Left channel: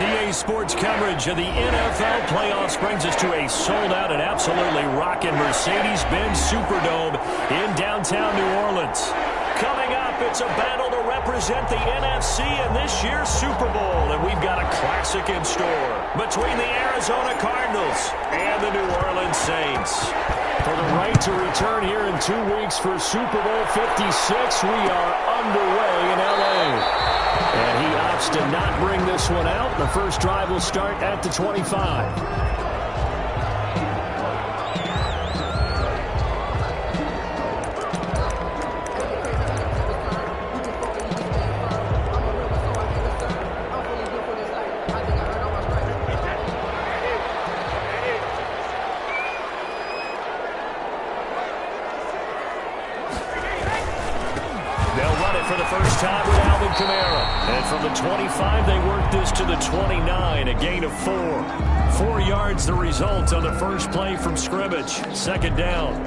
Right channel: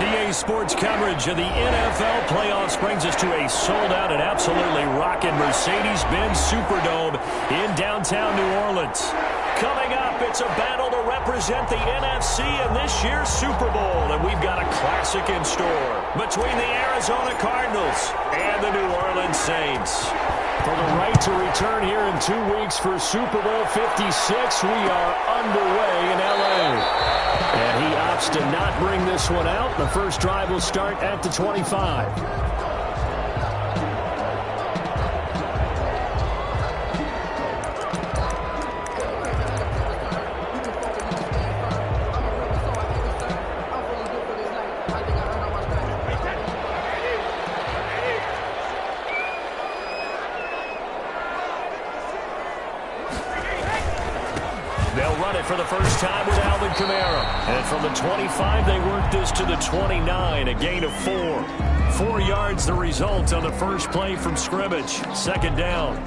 EA Sports coverage of the NFL playoffs brings us to a sold-out and absolutely rocking Mercedes-Benz Superdome in downtown New Orleans. Coming up, it's a battle to represent the NFC in this year's Super Bowl, and we've got a classic in store between the Arizona Cardinals and the New Orleans Saints. For the right to return here in 2 weeks for Super Bowl 56, we are underway in L.A. And he opts to not bring this one out. The first drive will start at the 25. They'll run it for the first time with Alvin Kamara. And from the 25, they work this to the 29, a gain of 4. 4 yards the result on the first play from scrimmage. Second down.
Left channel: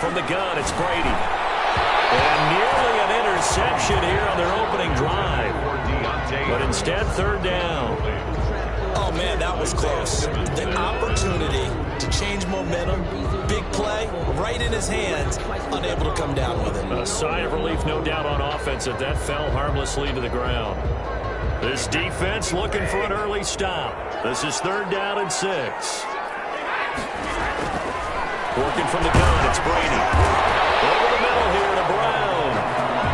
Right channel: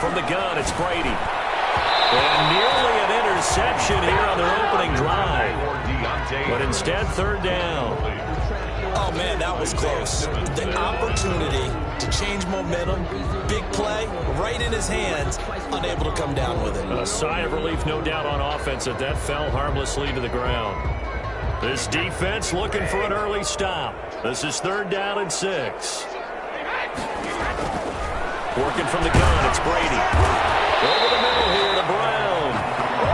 From the gun, it's Brady. And nearly an interception here on their opening drive. But instead, third down. Oh, man, that was close. The opportunity to change momentum, big play, right in his hands, unable to come down with it. A sigh of relief, no doubt, on offense that fell harmlessly to the ground. This defense looking for an early stop. This is third down and 6. Working from the gun, it's Brady. Over the middle here to Brown.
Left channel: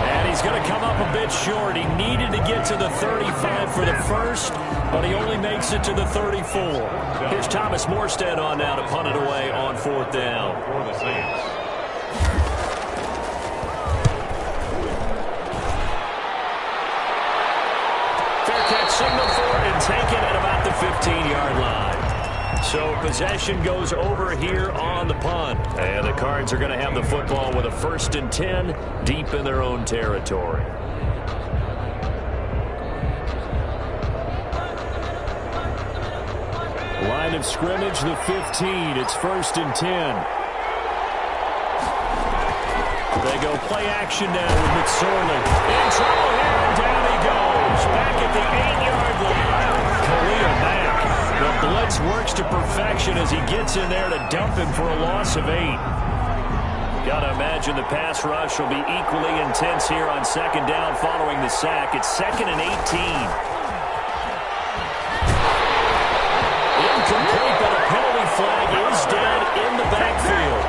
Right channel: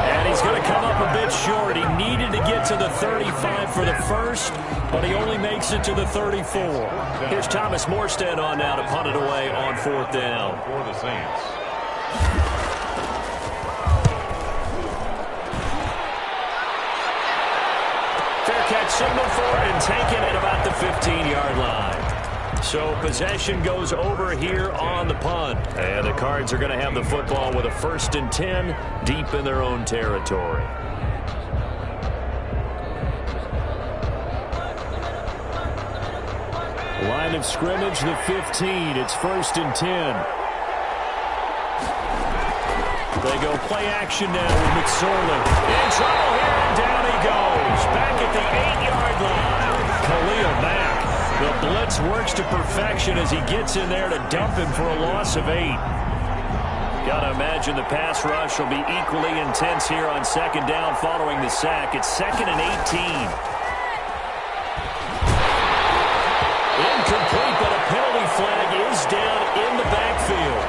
And he's going to come up a bit short. He needed to get to the 35 for the first, but he only makes it to the 34. Here's Thomas Morstead on now to punt it away on fourth down. For the Saints. Fair catch signaled for and taken at about the 15-yard line. So possession goes over here on the punt. And the Cards are going to have the football with a 1st and 10 deep in their own territory. Line of scrimmage, the 15. It's 1st and 10. They go play action now with McSorley. In trouble here, and down he goes. Back at the 8-yard line. Khalil Mack. The blitz works to perfection as he gets in there to dump him for a loss of 8. Got to imagine the pass rush will be equally intense here on second down following the sack. It's 2nd and 18. Incomplete, but a penalty flag is down in the backfield.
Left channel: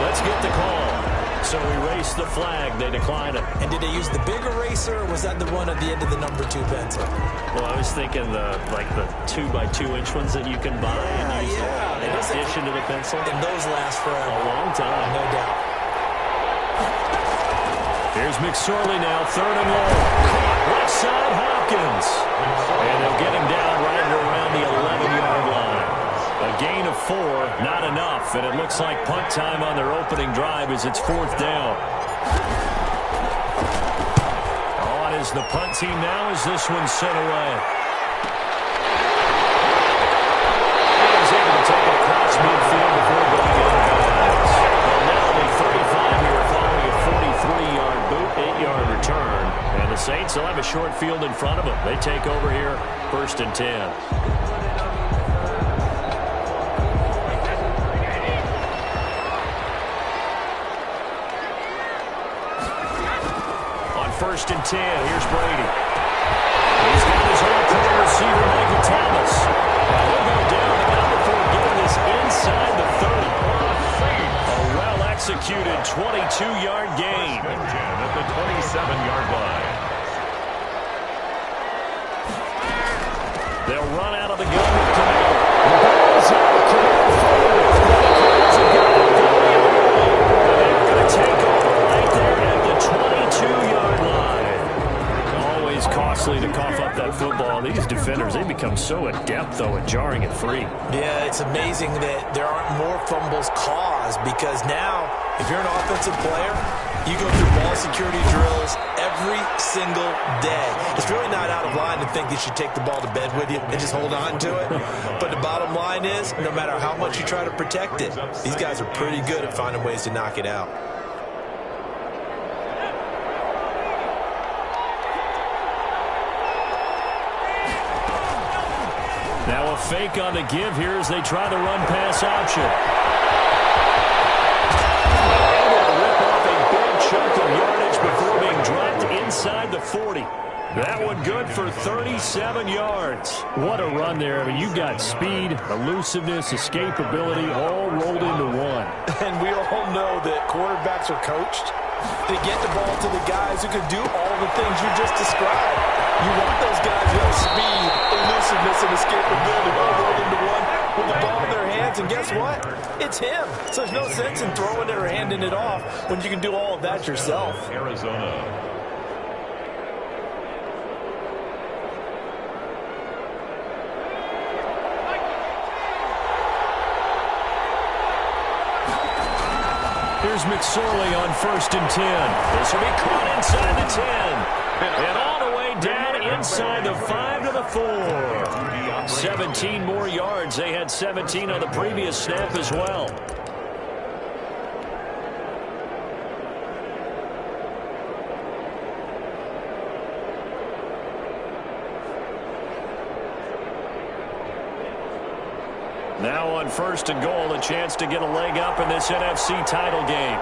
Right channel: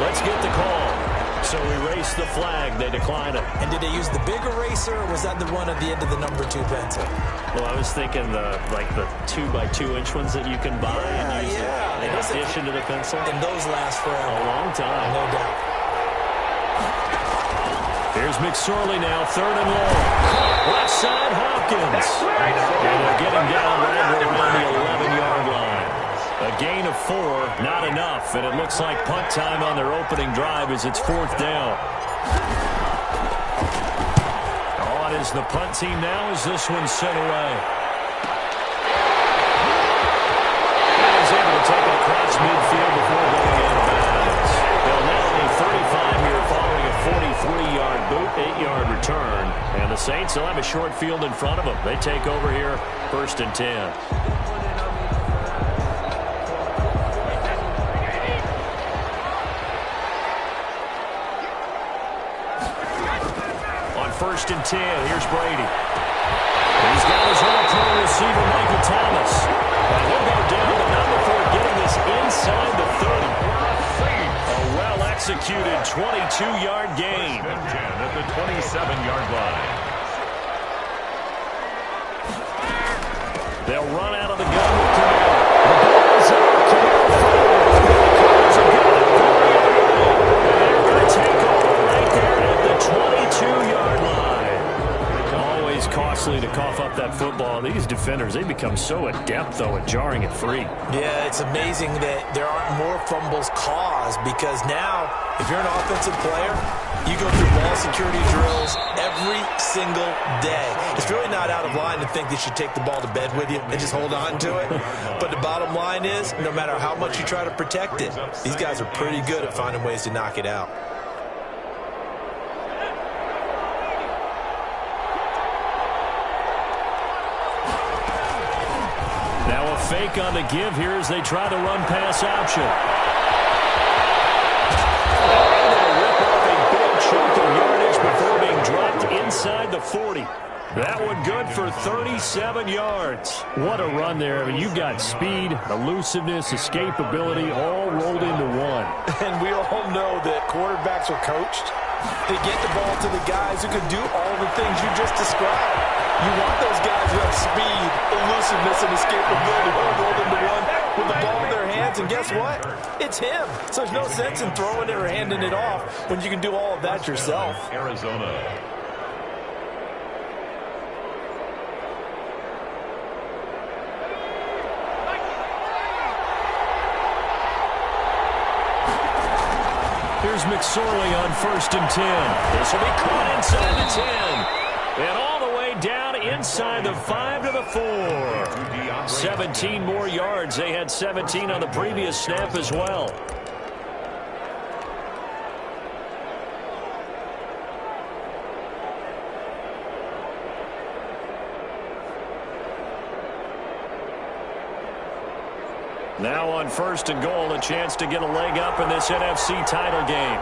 Let's get the call. So erase the flag. They decline it. And did they use the big eraser, or was that the one at the end of the number 2 pencil? Well, I was thinking the 2x2-inch ones that you can buy and use in addition to the pencil. And those last forever. A long time. No doubt. Here's McSorley now, 3rd and long. Caught left side, Hopkins. And they'll get him down right around the 11-yard line. A gain of 4, not enough, and it looks like punt time on their opening drive as it's 4th down. On is the punt team now as this one's sent away. And he's able to take it across midfield before going out of bounds. Well, now only 35 here following a 43-yard boot, 8-yard return. And the Saints will have a short field in front of them. They take over here, 1st and 10. On 1st and 10, here's Brady. He's got his all-pro receiver, Michael Thomas. And he'll go down to number 4, getting this inside the 30. A well-executed 22-yard gain. 1st and 10 at the 27-yard line. They'll run out of the gun with Kamara. The ball's out. Kamara forward. The Cards have got it going the other way. And they're going to take over right there at the 22-yard line. Always costly to cough up that football. These defenders, they become so adept, though, at jarring it free. Yeah, it's amazing that there aren't more fumbles caused, because now, if you're an offensive player, You go through ball security drills every single day. It's really not out of line to think that you take the ball to bed with you and just hold on to it. But the bottom line is, no matter how much you try to protect it, these guys are pretty good at finding ways to knock it out. Now a fake on the give here as they try the run-pass option. Able to rip off a big chunk of yardage before being dropped inside the 40. That one good for 37 yards. What a run there. I mean, you've got speed, elusiveness, escapability all rolled into one. And we all know that quarterbacks are coached to get the ball to the guys who can do all the things you just described. You want those guys who have speed, elusiveness, and escapability all rolled into one with the ball in their hands. And guess what? It's him. So there's no sense in throwing it or handing it off when you can do all of that yourself. Arizona. Here's McSorley on 1st and 10. This will be caught inside the 10. And all the way down inside the 5 to the 4. 17 more yards. They had 17 on the previous snap as well. Now on 1st and goal, a chance to get a leg up in this NFC title game.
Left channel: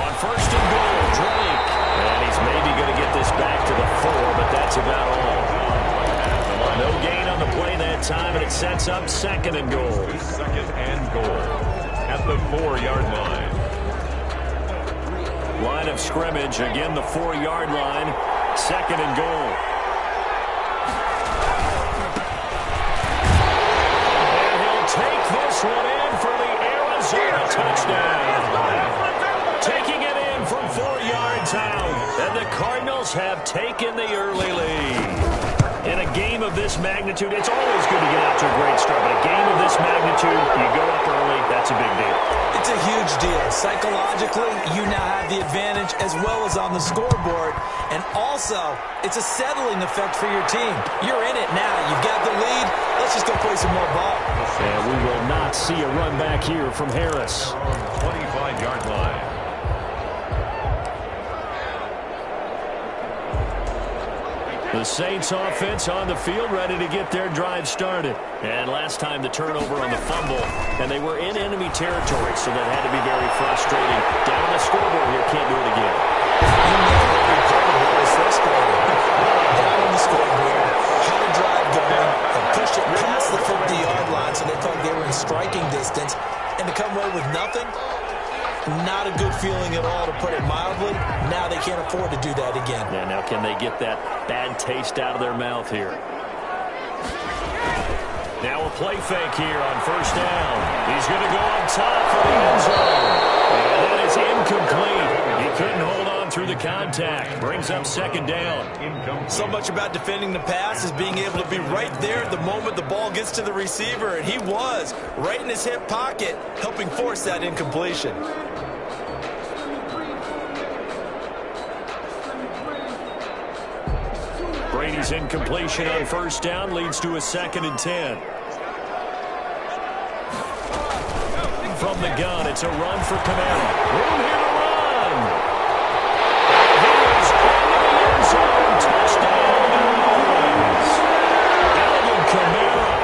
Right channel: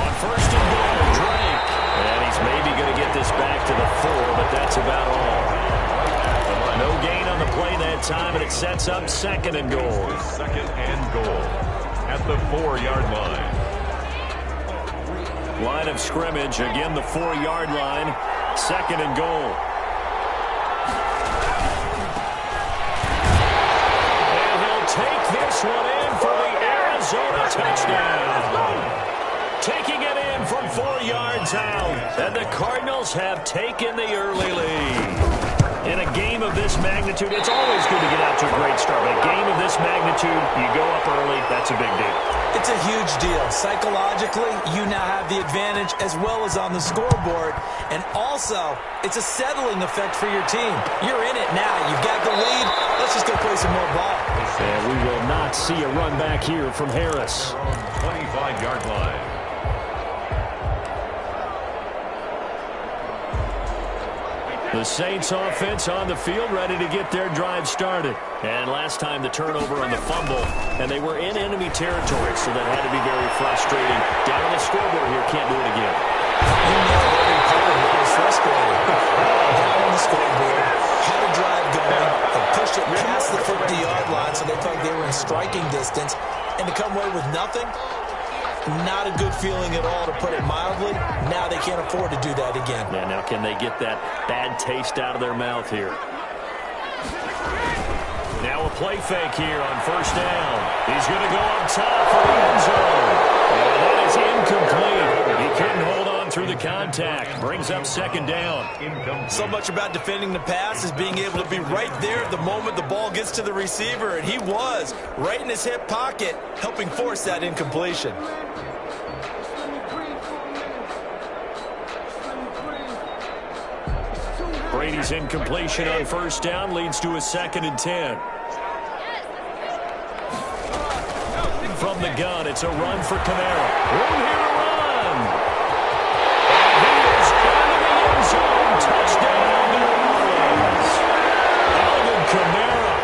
On 1st and goal, Drake. And he's maybe going to get this back to the 4, but that's about all. No gain on the play that time, and it sets up 2nd and goal. 2nd and goal at the 4-yard line. Line of scrimmage, again the 4-yard line. 2nd and goal. Take this one in for the Arizona touchdown. Taking it in from 4 yards out. And the Cardinals have taken the early lead. In a game of this magnitude, it's always good to get out to a great start. But a game of this magnitude, you go up early, that's a big deal. It's a huge deal. Psychologically, you now have the advantage as well as on the scoreboard. And also, it's a settling effect for your team. You're in it now. You've got the lead. Let's just go play some more ball. And we will not see a run back here from Harris. 25-yard line. The Saints offense on the field, ready to get their drive started. And last time the turnover on the fumble, and they were in enemy territory, so that had to be very frustrating. Down on the scoreboard here, can't do it again. You nailed every part of what was frustrating. Down on the scoreboard, had a drive going, and pushed it past the 50-yard line, so they thought they were in striking distance, and to come away with nothing, not a good feeling at all, to put it mildly. Now they can't afford to do that again. Yeah, now can they get that bad taste out of their mouth here? Now a play fake here on 1st down. He's going to go up top for the end zone. And that is incomplete. He couldn't hold on through the contact. Brings up 2nd down. So much about defending the pass is being able to be right there at the moment the ball gets to the receiver. And he was right in his hip pocket, helping force that incompletion. Brady's incompletion on 1st down leads to a 2nd and 10. From the gun, it's a run for Kamara. Room here to run. And he is into the end zone. Touchdown, New Orleans. Alvin Kamara,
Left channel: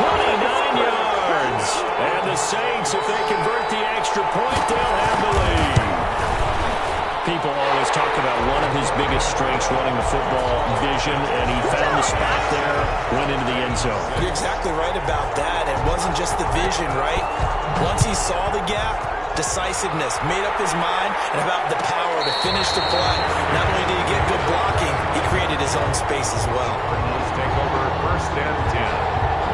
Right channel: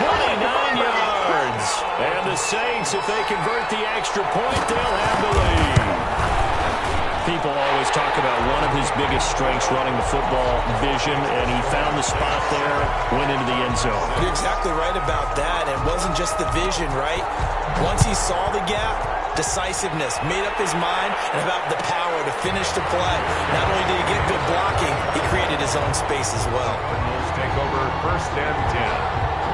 29 yards. And the Saints, if they convert the extra point, they'll have the lead. People always talk about one of his biggest strengths running the football, vision, and he found the spot there, went into the end zone. You're exactly right about that. It wasn't just the vision, right? Once he saw the gap, decisiveness, made up his mind, and about the power to finish the play. Not only did he get good blocking, he created his own space as well. Cardinals take over 1st and 10.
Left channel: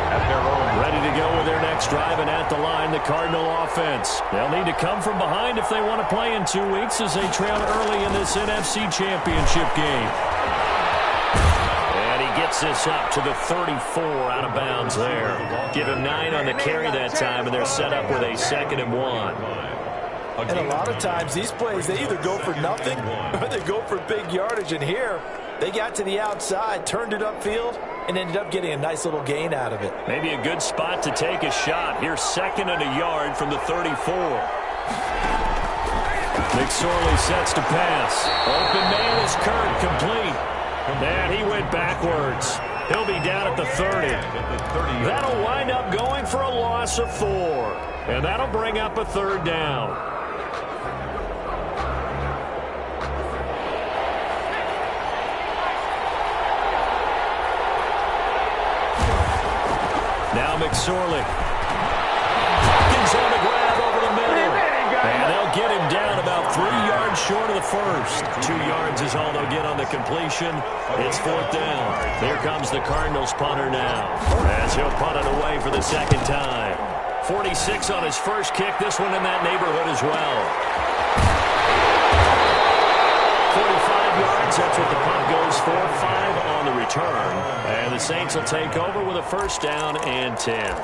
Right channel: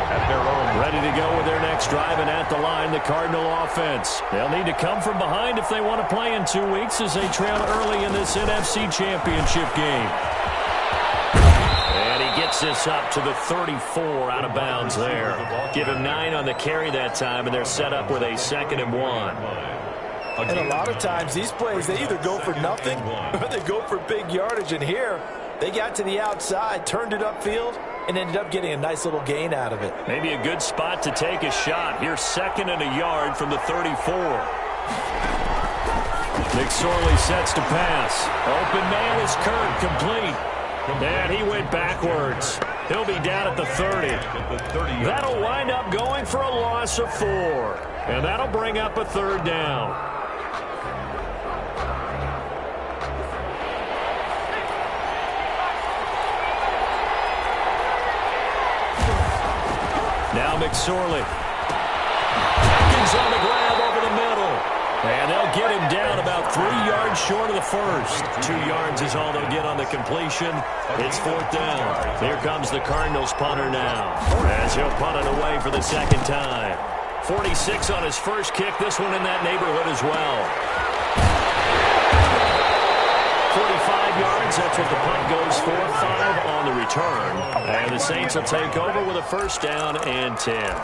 At their own. Ready to go with their next drive, and at the line, the Cardinal offense. They'll need to come from behind if they want to play in 2 weeks as they trail early in this NFC Championship game. And he gets this up to the 34 out of bounds there. Give him 9 on the carry that time, and they're set up with a 2nd and 1. And a lot of times these plays, they either go for nothing or they go for big yardage. And here, they got to the outside, turned it upfield, and ended up getting a nice little gain out of it. Maybe a good spot to take a shot. Here's 2nd and a yard from the 34. McSorley sets to pass. Open man is Kirk, complete. And he went backwards. He'll be down at the 30. That'll wind up going for a loss of 4. And that'll bring up a 3rd down. Now McSorley. Hopkins on the grab over the middle. And they'll get him down about 3 yards short of the first. 2 yards is all they'll get on the completion. It's 4th down. Here comes the Cardinals punter now, as he'll punt it away for the 2nd time. 46 on his first kick. This one in that neighborhood as well. 45 yards. That's what the punt goes for. 5 on the return. And the Saints will take over with a 1st down and 10.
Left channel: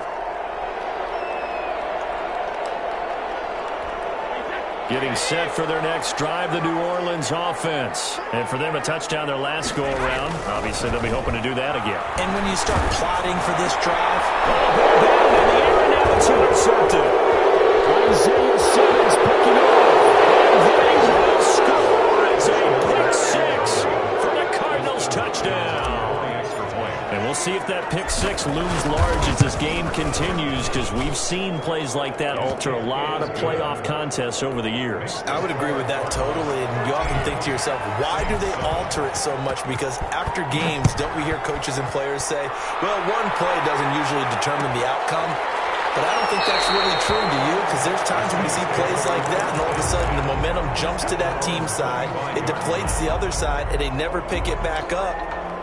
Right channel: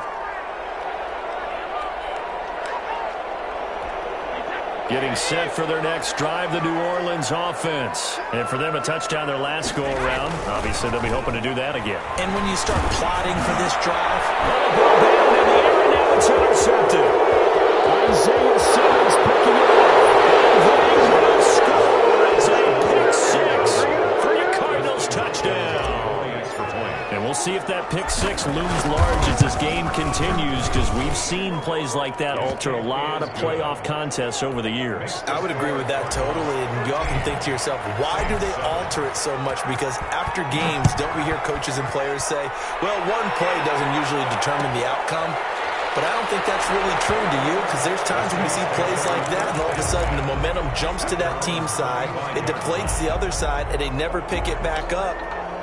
Getting set for their next drive, the New Orleans offense. And for them, a touchdown their last go-around. Obviously, they'll be hoping to do that again. And when you start plotting for this drive... Oh, ball down in the air, and now it's intercepted. Isaiah Simmons picking it up. And they will score. It's a pick-6 for the Cardinals touchdown. And we'll see if that pick-6 looms large as this game continues, because we've seen plays like that alter a lot of playoff contests over the years. I would agree with that totally, and you often think to yourself, why do they alter it so much? Because after games, don't we hear coaches and players say, well, one play doesn't usually determine the outcome? But I don't think that's really true, do you? Because there's times when you see plays like that, and all of a sudden the momentum jumps to that team side, it deflates the other side, and they never pick it back up.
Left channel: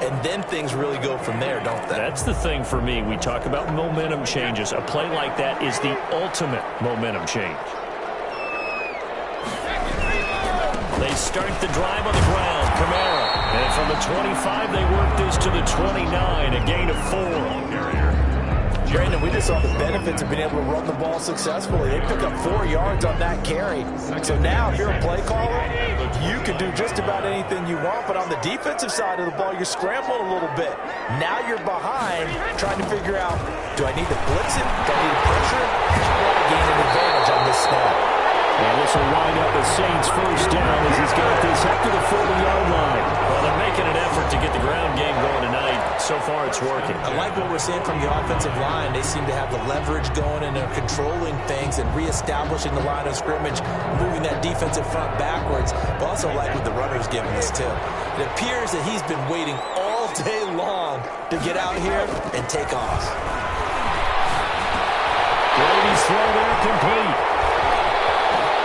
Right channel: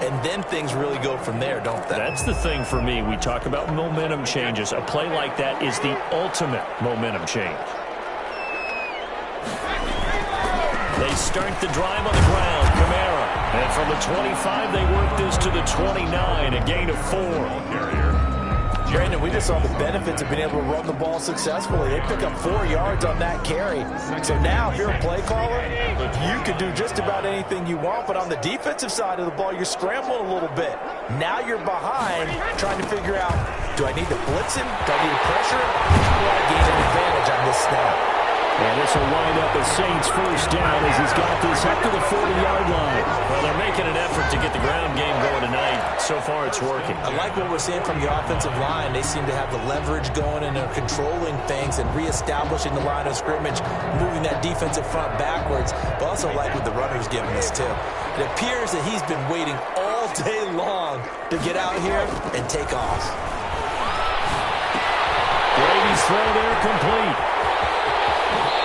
And then things really go from there, don't they? That's the thing for me. We talk about momentum changes. A play like that is the ultimate momentum change. They start the drive on the ground. Kamara. And from the 25, they work this to the 29. A gain of 4. Brandon, we just saw the benefits of being able to run the ball successfully. They pick up 4 yards on that carry. So now, if you're a play caller, you can do just about anything you want. But on the defensive side of the ball, you're scrambling a little bit. Now you're behind, trying to figure out, do I need to blitz him? Do I need to pressure him? How do I gain an advantage on this snap? And this will wind up a Saints 1st down as he's got this up to the 40-yard line. Well, they're making an effort to get the ground game going tonight. So far, it's working. I like what we're seeing from the offensive line. They seem to have the leverage going, and they're controlling things and reestablishing the line of scrimmage, moving that defensive front backwards. But also like what the runner's giving us, too. It appears that he's been waiting all day long to get out here and take off. Brady's throw there complete.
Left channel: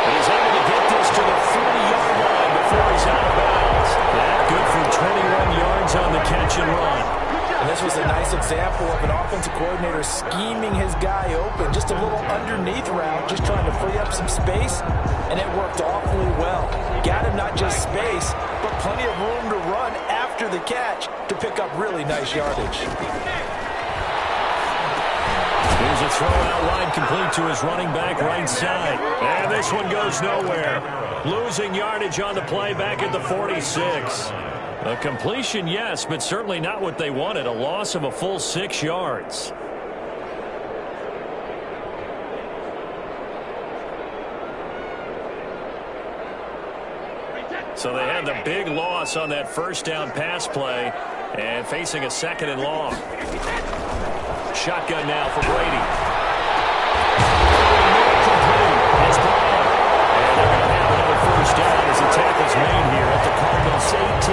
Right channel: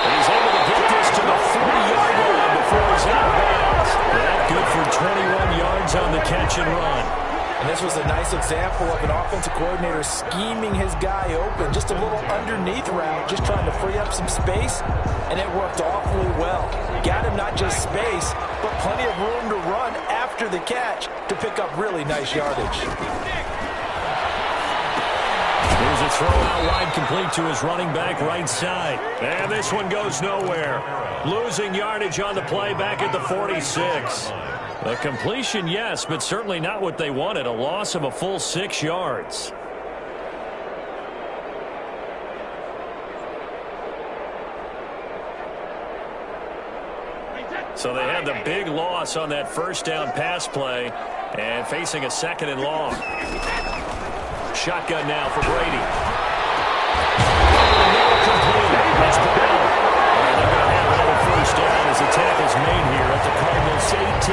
And he's able to get this to the 40-yard line before he's out of bounds. That good for 21 yards on the catch and run. And this was a nice example of an offensive coordinator scheming his guy open. Just a little underneath route, just trying to free up some space, and it worked awfully well. Got him not just space, but plenty of room to run after the catch to pick up really nice yardage. Here's a throw out wide, complete to his running back right side. And this one goes nowhere. Losing yardage on the play back at the 46. A completion, yes, but certainly not what they wanted. A loss of a full 6 yards. So they had the big loss on that 1st down pass play and facing a 2nd and long. Shotgun now for Brady. Over the middle, complete. It's Brown. And they're going to have another 1st down as the tackle's made here at the Cardinals 18.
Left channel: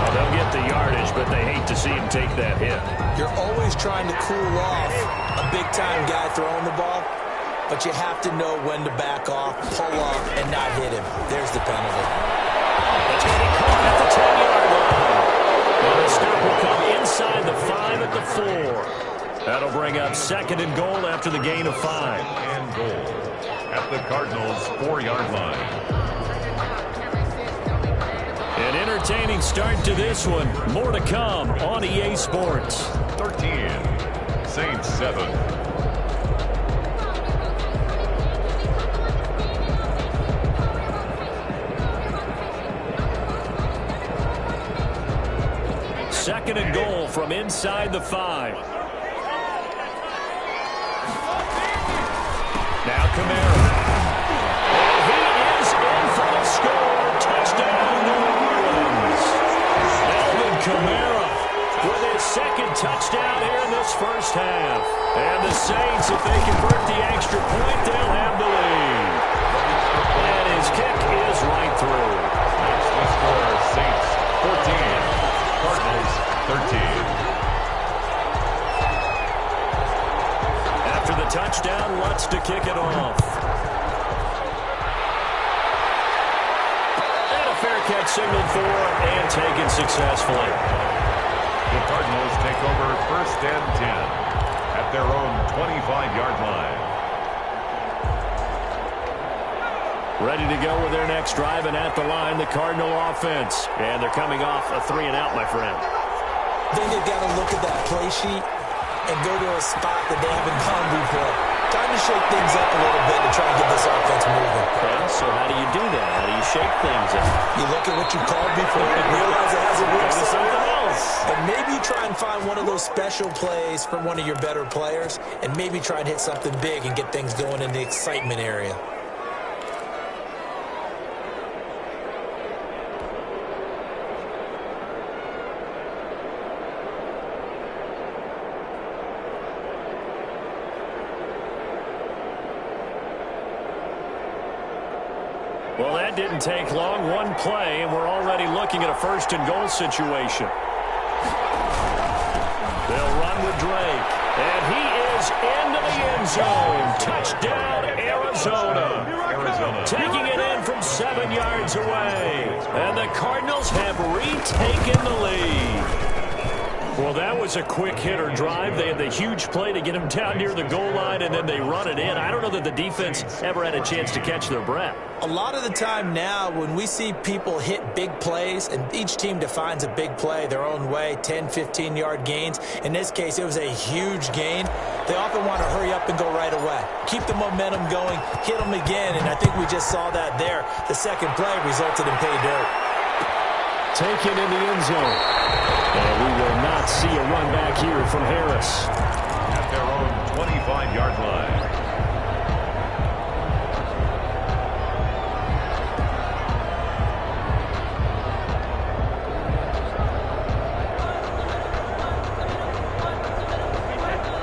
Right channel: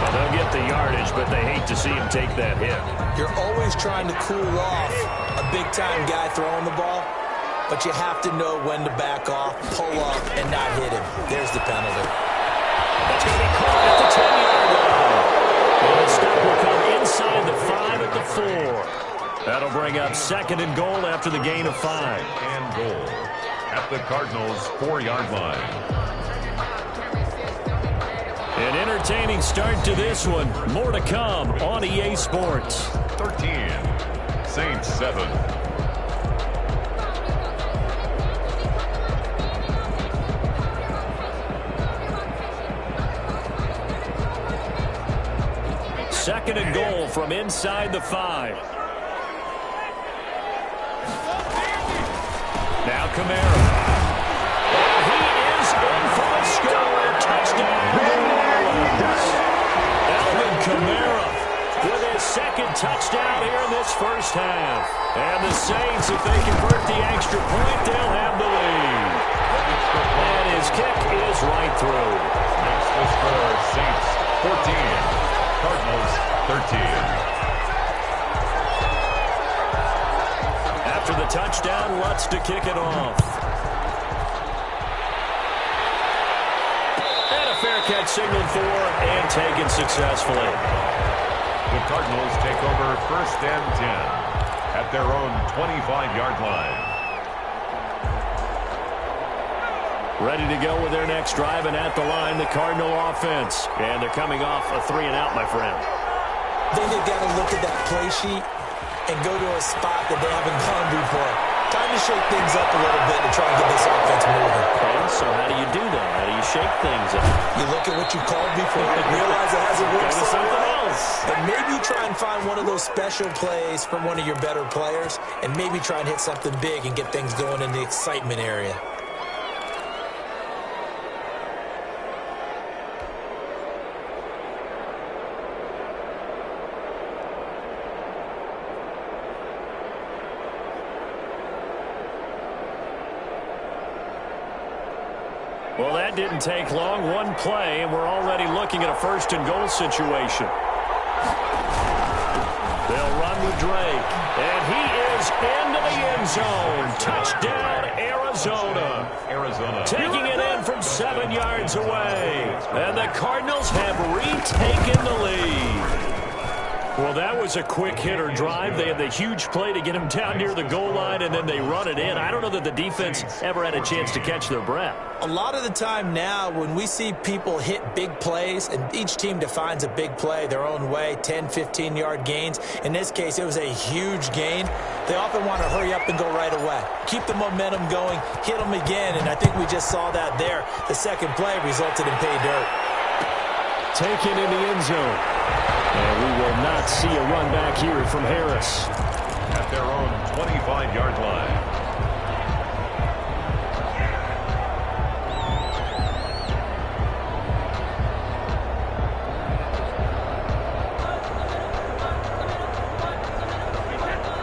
Well, they'll get the yardage, but they hate to see him take that hit. You're always trying to cool off a big-time guy throwing the ball, but you have to know when to back off, pull up, and not hit him. There's the penalty. That's going to be caught at the 10-yard line. And the stop will come inside the 5 at the 4. That'll bring up 2nd and goal after the gain of 5. And goal at the Cardinals' 4-yard line. An entertaining start to this one. More to come on EA Sports. 13, Saints 7. 2nd and goal from inside the 5. Now Kamara. And he is in for the score. Touchdown, New Orleans. Alvin Kamara with his 2nd touchdown here in this first half. And the Saints, if they convert the extra point, they'll have the lead. And his kick is right through. Makes the score Saints 14, Cardinals 13. After the touchdown, Lutz to kick it off. And a fair catch signaled for and taken successfully. The Cardinals take over 1st and 10 at their own 25-yard line. Ready to go with their next drive, and at the line, the Cardinal offense. And they're coming off a 3-and-out, my friend. I think they've got to look at that play sheet and go to a spot that they haven't gone before. Time to shake things up a little bit to try and get this offense moving. Okay, so how do you do that? How do you shake things up? You look at what you called before and realize it hasn't worked so something well. else. And maybe try and find one of those special plays from one of your better players, and maybe try and hit something big and get things going in the excitement area. Well, that didn't take long. One play, and we're already looking at a 1st and goal situation. They'll run with Drake. And he is into the end zone. Touchdown, Arizona. Taking it in from 7 yards away. And the Cardinals have retaken the lead. Well, that was a quick hitter drive. They had the huge play to get him down near the goal line, and then they run it in. I don't know that the defense ever had a chance to catch their breath. A lot of the time now when we see people hit big plays, and each team defines a big play their own way, 10, 15-yard gains. In this case, it was a huge gain. They often want to hurry up and go right away. Keep the momentum going, hit them again, and I think we just saw that there. The second play resulted in pay dirt. Taken in the end zone. And we will not see a run back here from Harris. At their own 25-yard line.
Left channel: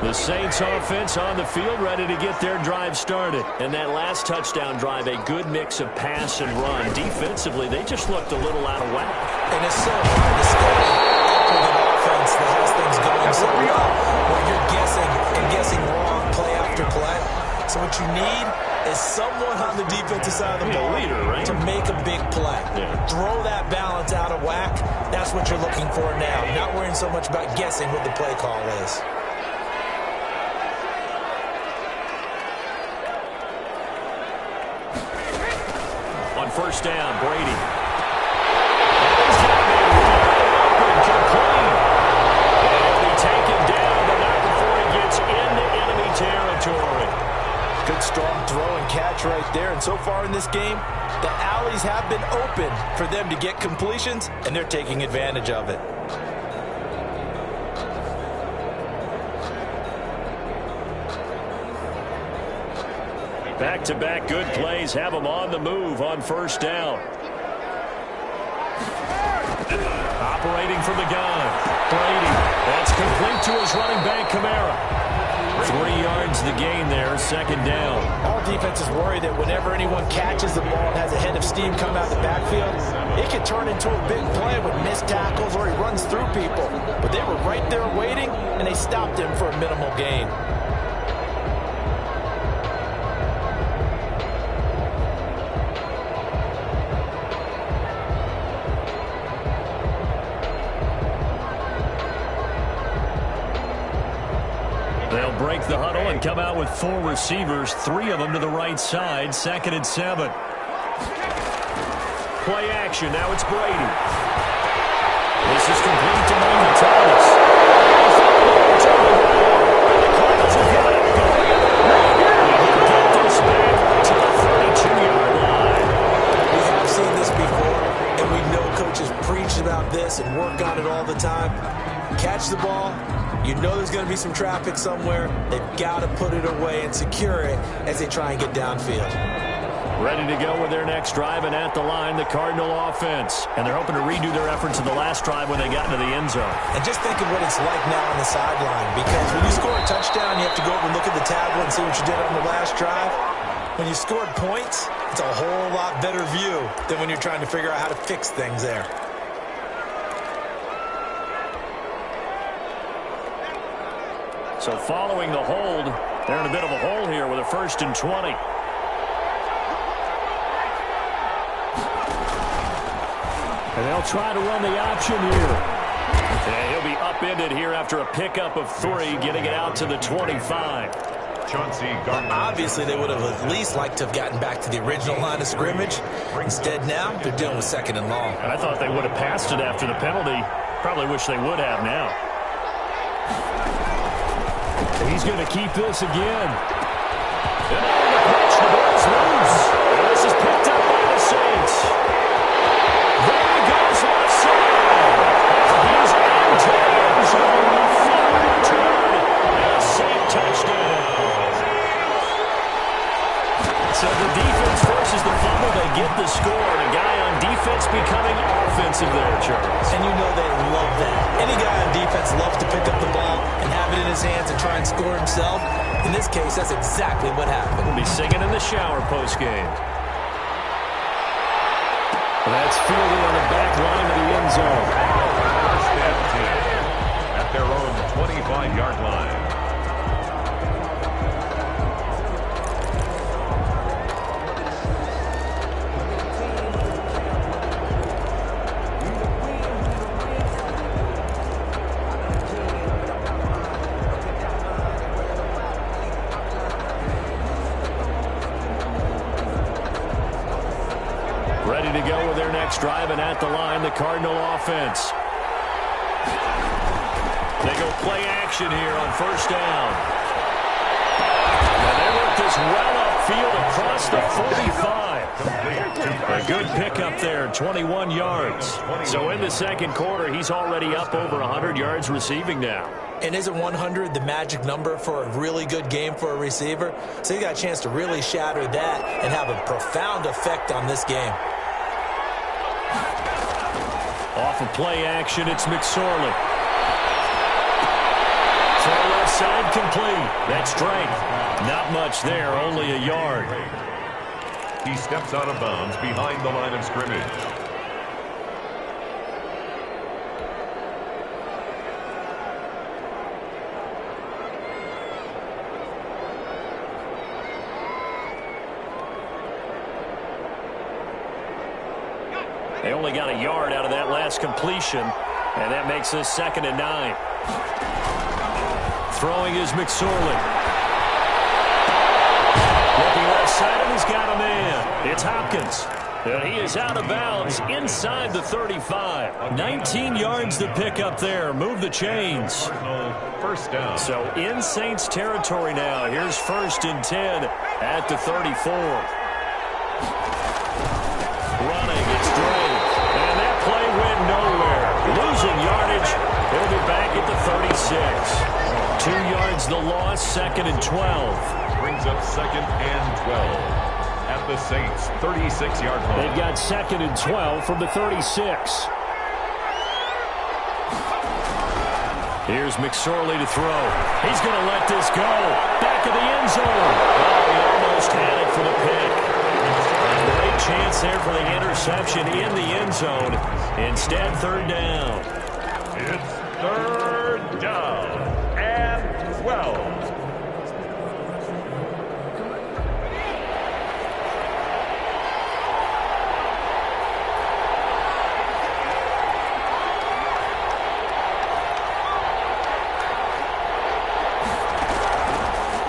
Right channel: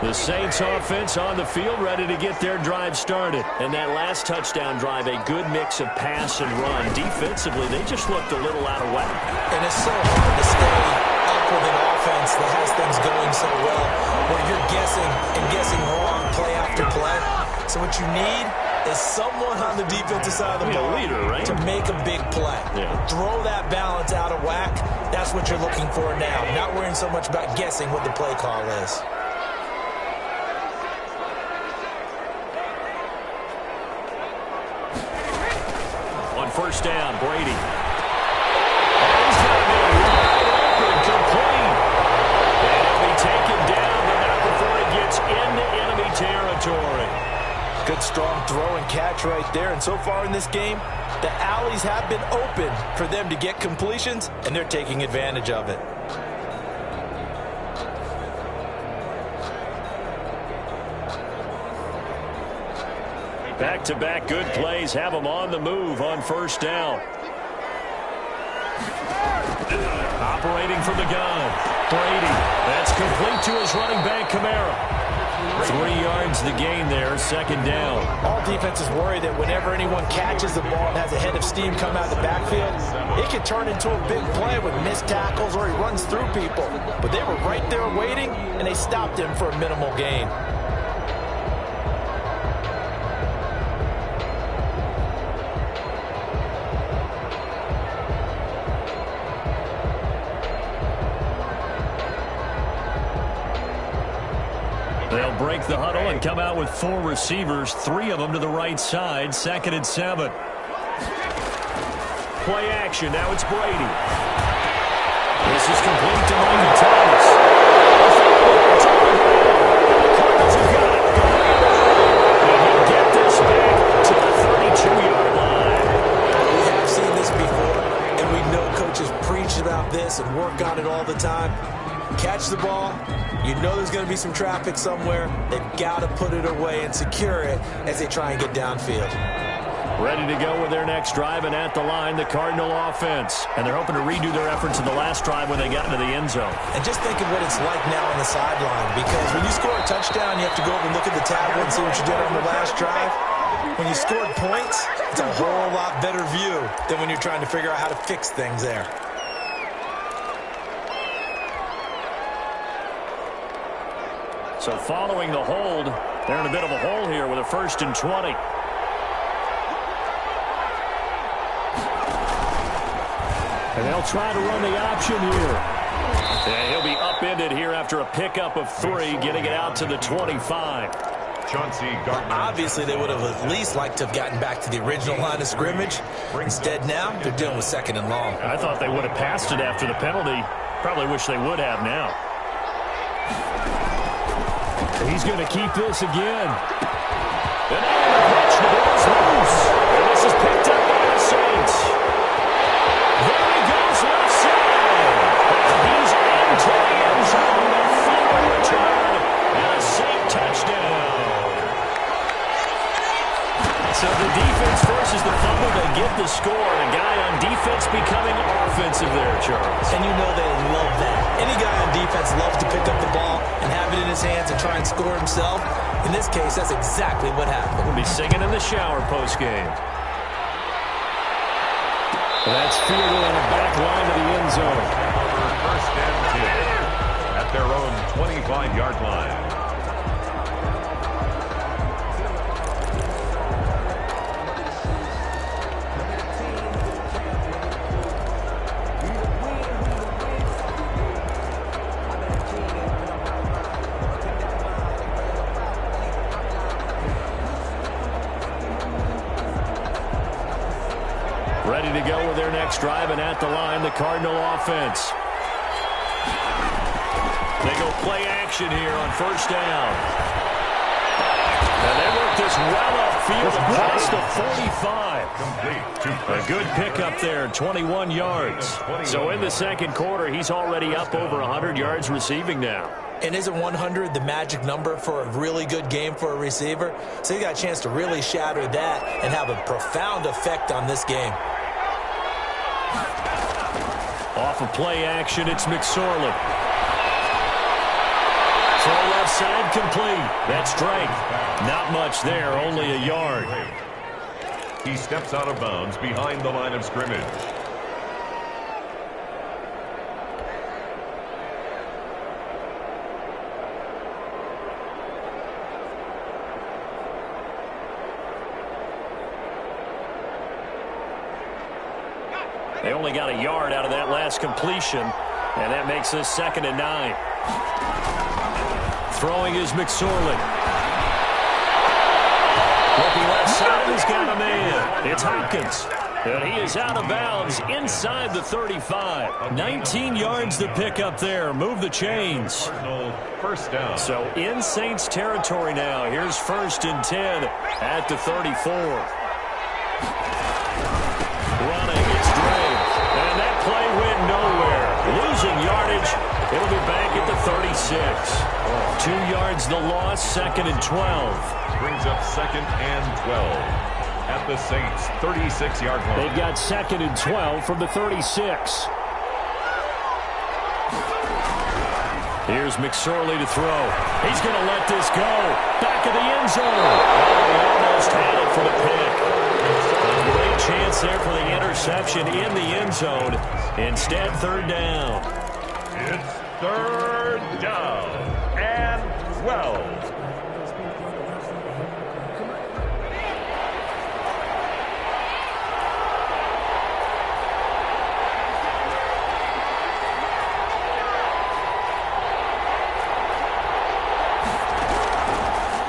The Saints offense on the field ready to get their drive started. And that last touchdown drive, a good mix of pass and run. Defensively, they just looked a little out of whack. And it's so hard to stay up with an offense that has things going so well, where you're guessing wrong play after play. So what you need is someone on the defensive side of the ball leader, right? to make a big play. Yeah. Throw that balance out of whack. That's what you're looking for now. Not worrying so much about guessing what the play call is. On 1st down, Brady. And he's got a man wide open, complete. And he'll be taken down, but not before he gets into enemy territory. Good strong throw and catch right there. And so far in this game, the alleys have been open for them to get completions, and they're taking advantage of it. Back-to-back good plays have them on the move on 1st down. Operating from the gun. Brady. That's complete to his running back, Kamara. 3 yards the gain there, 2nd down. All defenses worry that whenever anyone catches the ball and has a head of steam come out of the backfield, it can turn into a big play with missed tackles or he runs through people. But they were right there waiting, and they stopped him for a minimal gain. They'll break the huddle and come out with 4 receivers, 3 of them to the right side, 2nd and 7. Play action, now it's Brady. This is complete to Michael Thomas. It's on the ground, and the Cardinals have got it. Going the other way. And he'll get this back to the 32-yard line. We have seen this before, and we know coaches preach about this and work on it all the time. Catch the ball. You know there's going to be some traffic somewhere. They've got to put it away and secure it as they try and get downfield. Ready to go with their next drive, and at the line, the Cardinal offense. And they're hoping to redo their efforts in the last drive when they got into the end zone. And just think of what it's like now on the sideline, because when you score a touchdown, you have to go over and look at the tablet and see what you did on the last drive. When you scored points, it's a whole lot better view than when you're trying to figure out how to fix things there. So following the hold, they're in a bit of a hole here with a 1st and 20. And they'll try to run the option here. And he'll be upended here after a pickup of 3, getting it out to the 25. Chauncey Gardner. Obviously, they would have at least liked to have gotten back to the original line of scrimmage. Instead, now, they're dealing with 2nd and long. I thought they would have passed it after the penalty. Probably wish they would have now. He's going to keep this again. And now on the pitch, the ball's loose. And this is picked up by the Saints. There he goes left side. And he's into the end zone. A forward return and a Saint touchdown. So the defense forces the fumble. They get the score. And a guy on defense becoming offensive there, Charles. And you know they love that. Any guy on defense loves to pick up the ball and have it in his hands and try and score himself. In this case, that's exactly what happened. We'll be singing in the shower postgame. That's fielded on the back line of the end zone. 1st and 10 at their own 25-yard line. Ready to go with their next drive, and at the line, the Cardinal offense. They go play action here on 1st down. And they work this well upfield across the 45. A good pickup there, 21 yards. So in the 2nd quarter, he's already up over 100 yards receiving now. And isn't 100 the magic number for a really good game for a receiver? So you got a chance to really shatter that and have a profound effect on this game. Off of play action, it's McSorley. Throw left side complete. That's strength. Not much there, only a yard. He steps out of bounds behind the line of scrimmage. They only got a yard out of that last completion, and that makes this 2nd and 9. Throwing is McSorley. Looking left side, and he's got a man. It's Hopkins. And he is out of bounds inside the 35. 19 yards to pick up there. Move the chains. 1st down. So in Saints territory now. Here's 1st and 10 at the 34. Running, it's Drake. And that play went nowhere. Losing yardage. It'll be back at the 36. 2 yards the loss, 2nd and 12. Brings up 2nd and 12 at the Saints' 36-yard line. They've got 2nd and 12 from the 36. Here's McSorley to throw. He's going to let this go. Back of the end zone. Oh, he almost had it for the pick. A great chance there for the interception in the end zone. Instead, 3rd down. It's 3rd down and 12.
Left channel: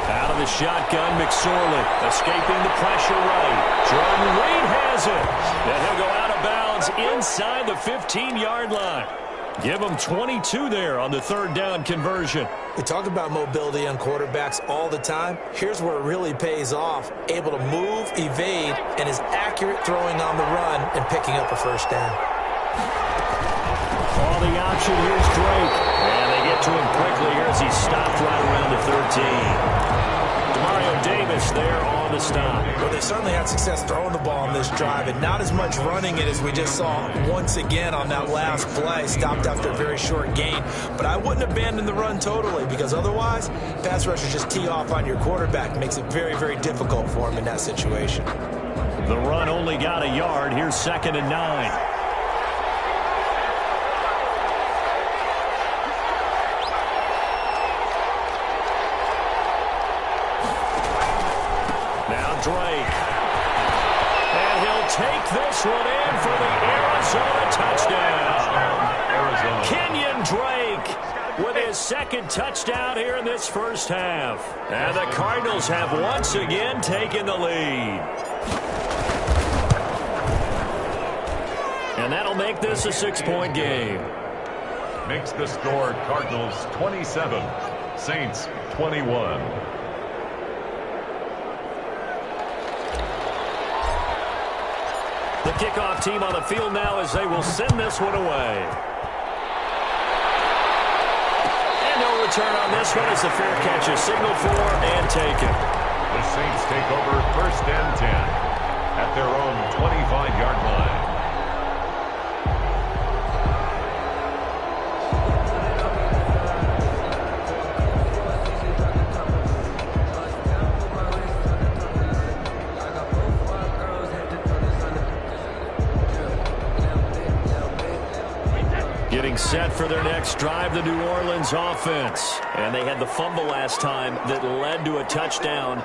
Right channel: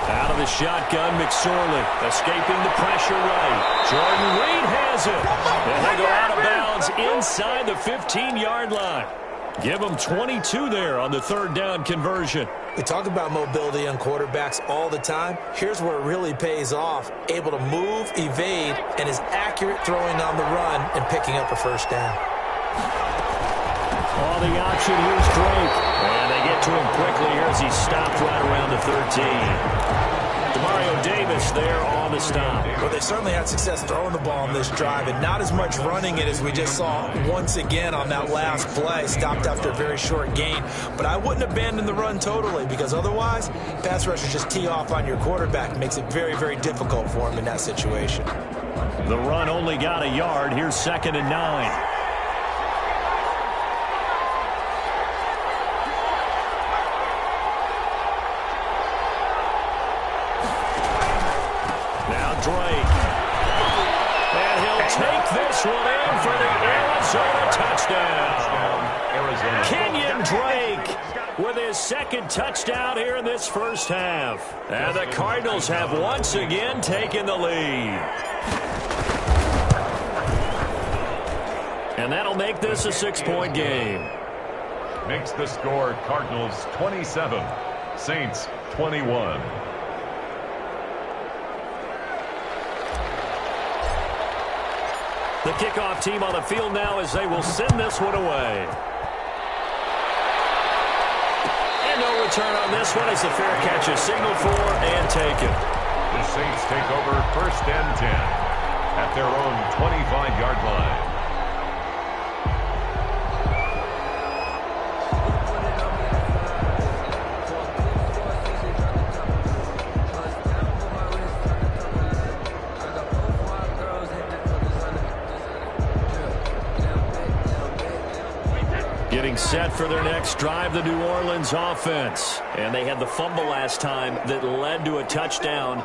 Out of the shotgun, McSorley escaping the pressure right. Jordan Reed has it. And he'll go out of bounds inside the 15-yard line. Give them 22 there on the 3rd down conversion. We talk about mobility on quarterbacks all the time. Here's where it really pays off. Able to move, evade, and is accurate throwing on the run and picking up a 1st down. Oh, the option, here's Drake. And they get to him quickly here as he's stopped right around the 13. Demario Davis there on the stop. Well, they certainly had success throwing the ball on this drive, and not as much running it as we just saw once again on that last play. Stopped after a very short gain. But I wouldn't abandon the run totally, because otherwise, pass rushers just tee off on your quarterback. Makes it very, very difficult for him in that situation. The run only got a yard. Here's 2nd and 9. Drake. And he'll take this one in for the Arizona touchdown. Arizona. Kenyon Drake with his 2nd touchdown here in this first half. And the Cardinals have once again taken the lead. And that'll make this a 6-point game. Makes the score Cardinals 27, Saints 21. The kickoff team on the field now as they will send this one away. And no return on this one as the fair catch is signaled for and taken. The Saints take over 1st and 10 at their own 25-yard line. Getting set for their next drive, the New Orleans offense. And they had the fumble last time that led to a touchdown.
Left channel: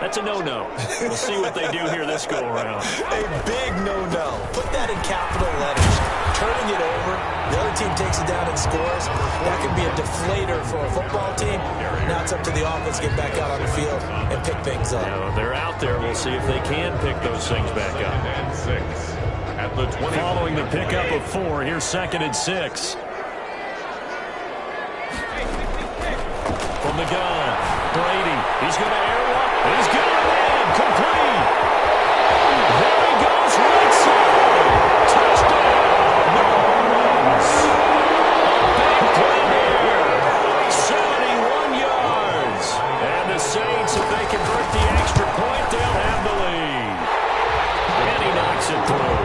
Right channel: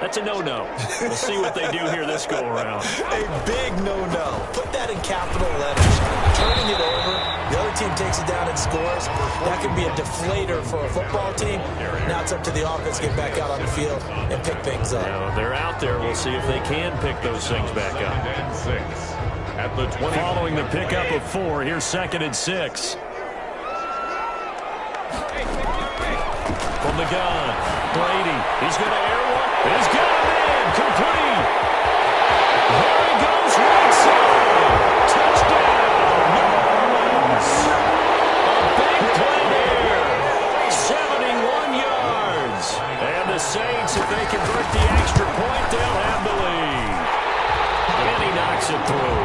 That's a no-no. We'll see what they do here this go-around. A big no-no. Put that in capital letters. Turning it over, the other team takes it down and scores. That could be a deflator for a football team. Now it's up to the offense to get back out on the field and pick things up. Now, they're out there. We'll see if they can pick those things back up. And 6. At the 20. Following the pickup of 4, here's 2nd and 6. From the gun, Brady. He's going to air one. He's got him in. Complete. There he goes right side. Touchdown, New Orleans. A big play there. 71 yards. And the Saints, if they convert the extra point, they'll have the lead. And he knocks it through.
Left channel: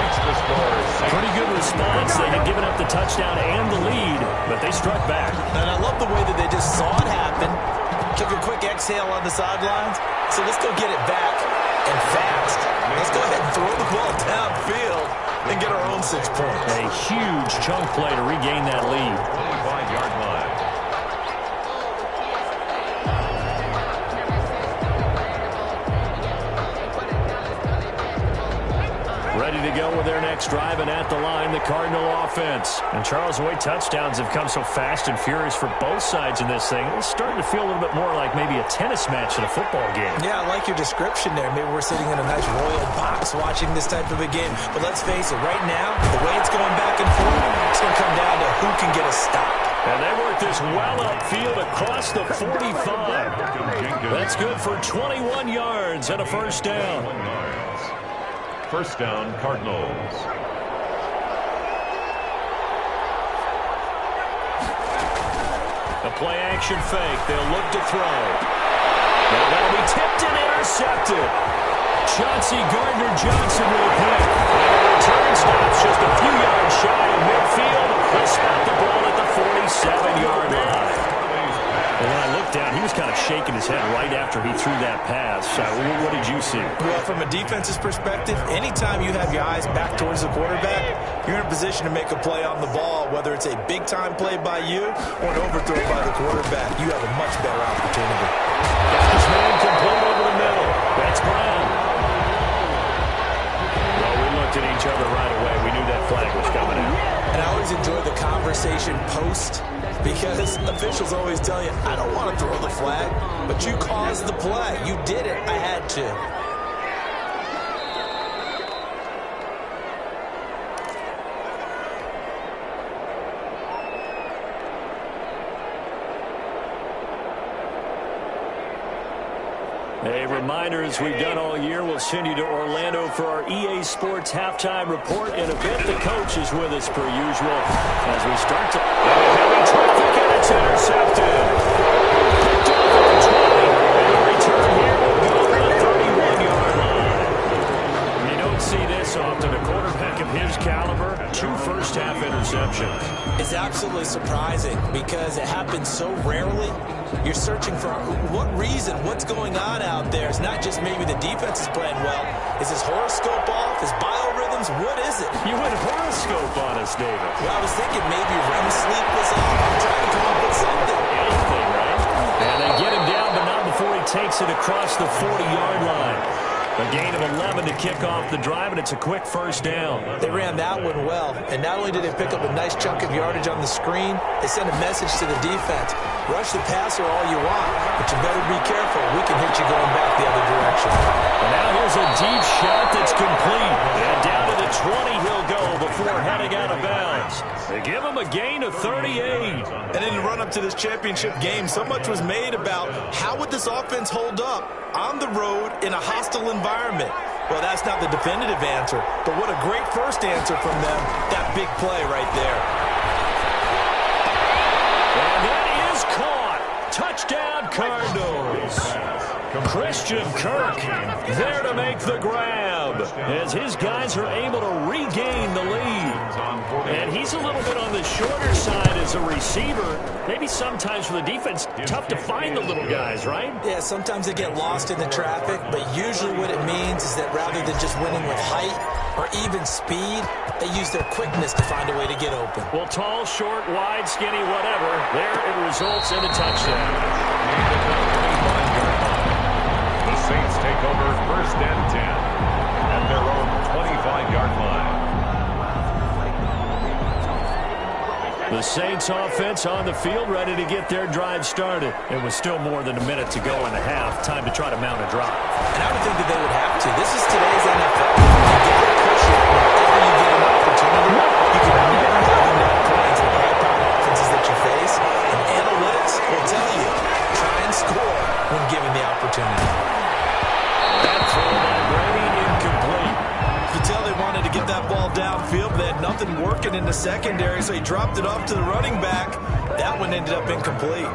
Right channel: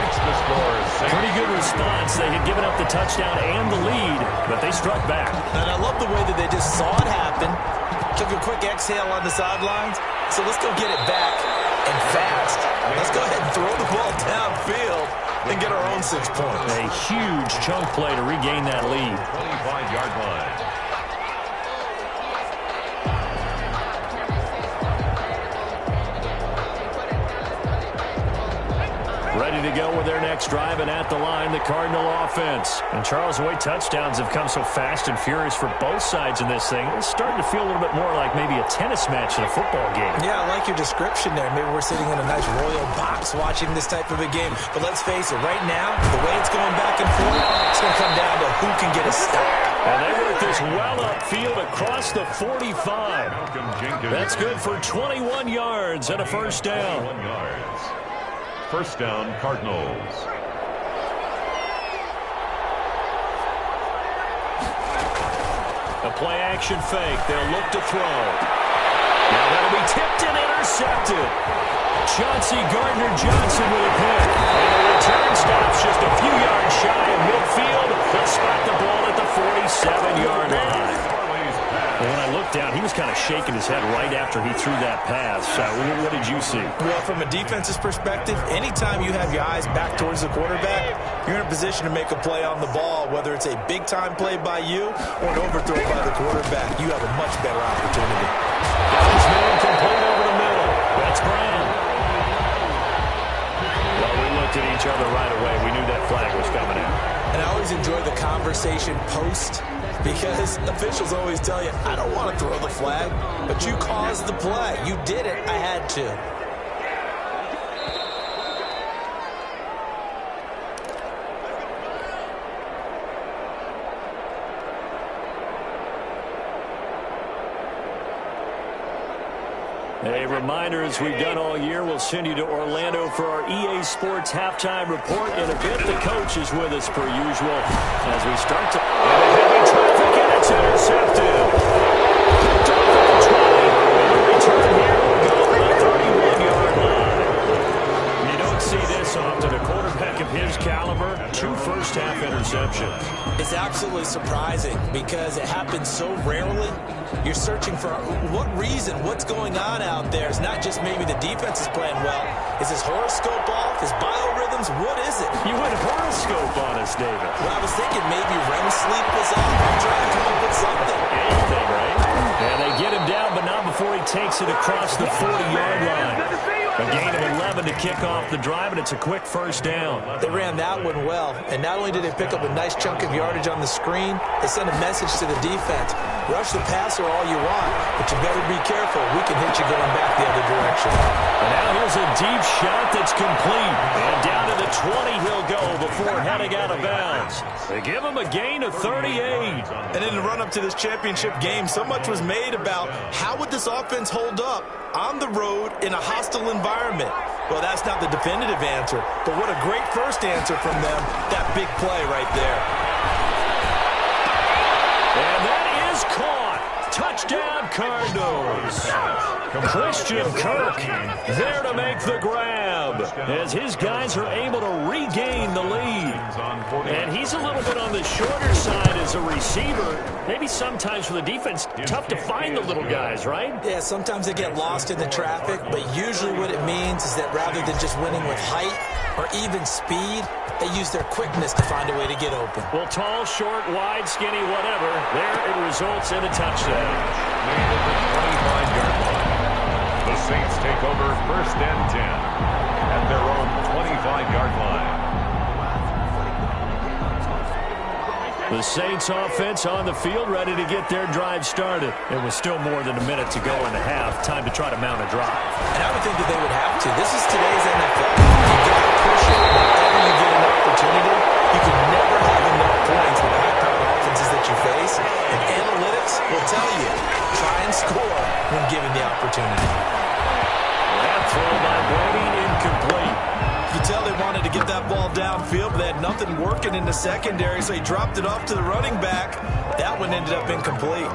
Makes the score. Pretty good response. They had given up the touchdown and the lead, but they struck back. And I love the way that they just saw it happen, took a quick exhale on the sidelines. So let's go get it back and fast. Let's go ahead and throw the ball downfield and get our own 6 points. A huge chunk play to regain that lead. 25-yard line. Ready to go with their next drive, and at the line, the Cardinal offense. And Charles, the way touchdowns have come so fast and furious for both sides in this thing, it's starting to feel a little bit more like maybe a tennis match in a football game. Yeah, I like your description there. Maybe we're sitting in a nice royal box watching this type of a game. But let's face it, right now, the way it's going back and forth, it's going to come down to who can get a stop. And they work this well upfield across the 45. That's good for 21 yards and a first down. 21 yards. First down, Cardinals. A play-action fake. They'll look to throw. Now that'll be tipped and intercepted. Chauncey Gardner-Johnson with a pick. And the return stops just a few yards shy of midfield. They'll spot the ball at the 47-yard line. Well, when I looked down, he was kind of shaking his head right after he threw that pass. What did you see? Well, from a defense's perspective, anytime you have your eyes back towards the quarterback, you're in a position to make a play on the ball, whether it's a big-time play by you or an overthrow by the quarterback. You have a much better opportunity. Got his man complete over the middle. That's Brown. Well, we looked at each other right away. We knew that flag was coming out. And I always enjoy the conversation post, because officials always tell you, I don't want to throw the flag, but you caused the play. You did it. I had to. A reminder, as we've done all year, we'll send you to Orlando for our EA Sports halftime report. In a bit, the coach is with us per usual as we start to... Into heavy traffic, and it's intercepted. Picked off at the 20. And the return here will go to the 31-yard line. You don't see this often. A quarterback of his caliber, 2 first-half interceptions. It's absolutely surprising because it happens so rarely. You're searching for what reason, what's going on out there. It's not just maybe the defense is playing well. Is his horoscope off? His biorhythms? What is it? You went horoscope on us, David. Well, I was thinking maybe REM sleep was off. I'm trying to come up with something. Anything, right? And they get him down, but not before he takes it across the 40-yard line. A gain of 11 to kick off the drive, and it's a quick first down. They ran that one well, and not only did they pick up a nice chunk of yardage on the screen, they sent a message to the defense. Rush the passer all you want, but you better be careful. We can hit you going back the other direction. And now here's a deep shot that's complete. And down to the 20 he'll go before heading out of bounds. They give him a gain of 38. And in the run-up to this championship game, so much was made about how would this offense hold up on the road in a hostile environment. Well, that's not the definitive answer, but what a great first answer from them. That big play right there. And that is caught. Touchdown, Cardinals. Christian Kirk there to make the grab as his guys are able to regain the lead. And he's a little bit on the shorter side as a receiver. Maybe sometimes for the defense, tough to find the little guys, right? Yeah, sometimes they get lost in the traffic, but usually what it means is that rather than just winning with height or even speed, they use their quickness to find a way to get open. Well, tall, short, wide, skinny, whatever, there it results in a touchdown. Made at the 25-yard line. The Saints take over first and 10 at their own 25-yard line. The Saints offense on the field, ready to get their drive started. It was still more than a minute to go in the half. Time to try to mount a drive. And I would think that they would have to. This is today's NFL. You got to push it whenever you get an opportunity. You can never have enough points with high-powered offenses that you face. And analytics will tell you, try and score when given the opportunity. That throw by Brady incomplete. You can tell they wanted to get that ball downfield, but they had nothing working in the secondary, so he dropped it off to the running back. That one ended up incomplete.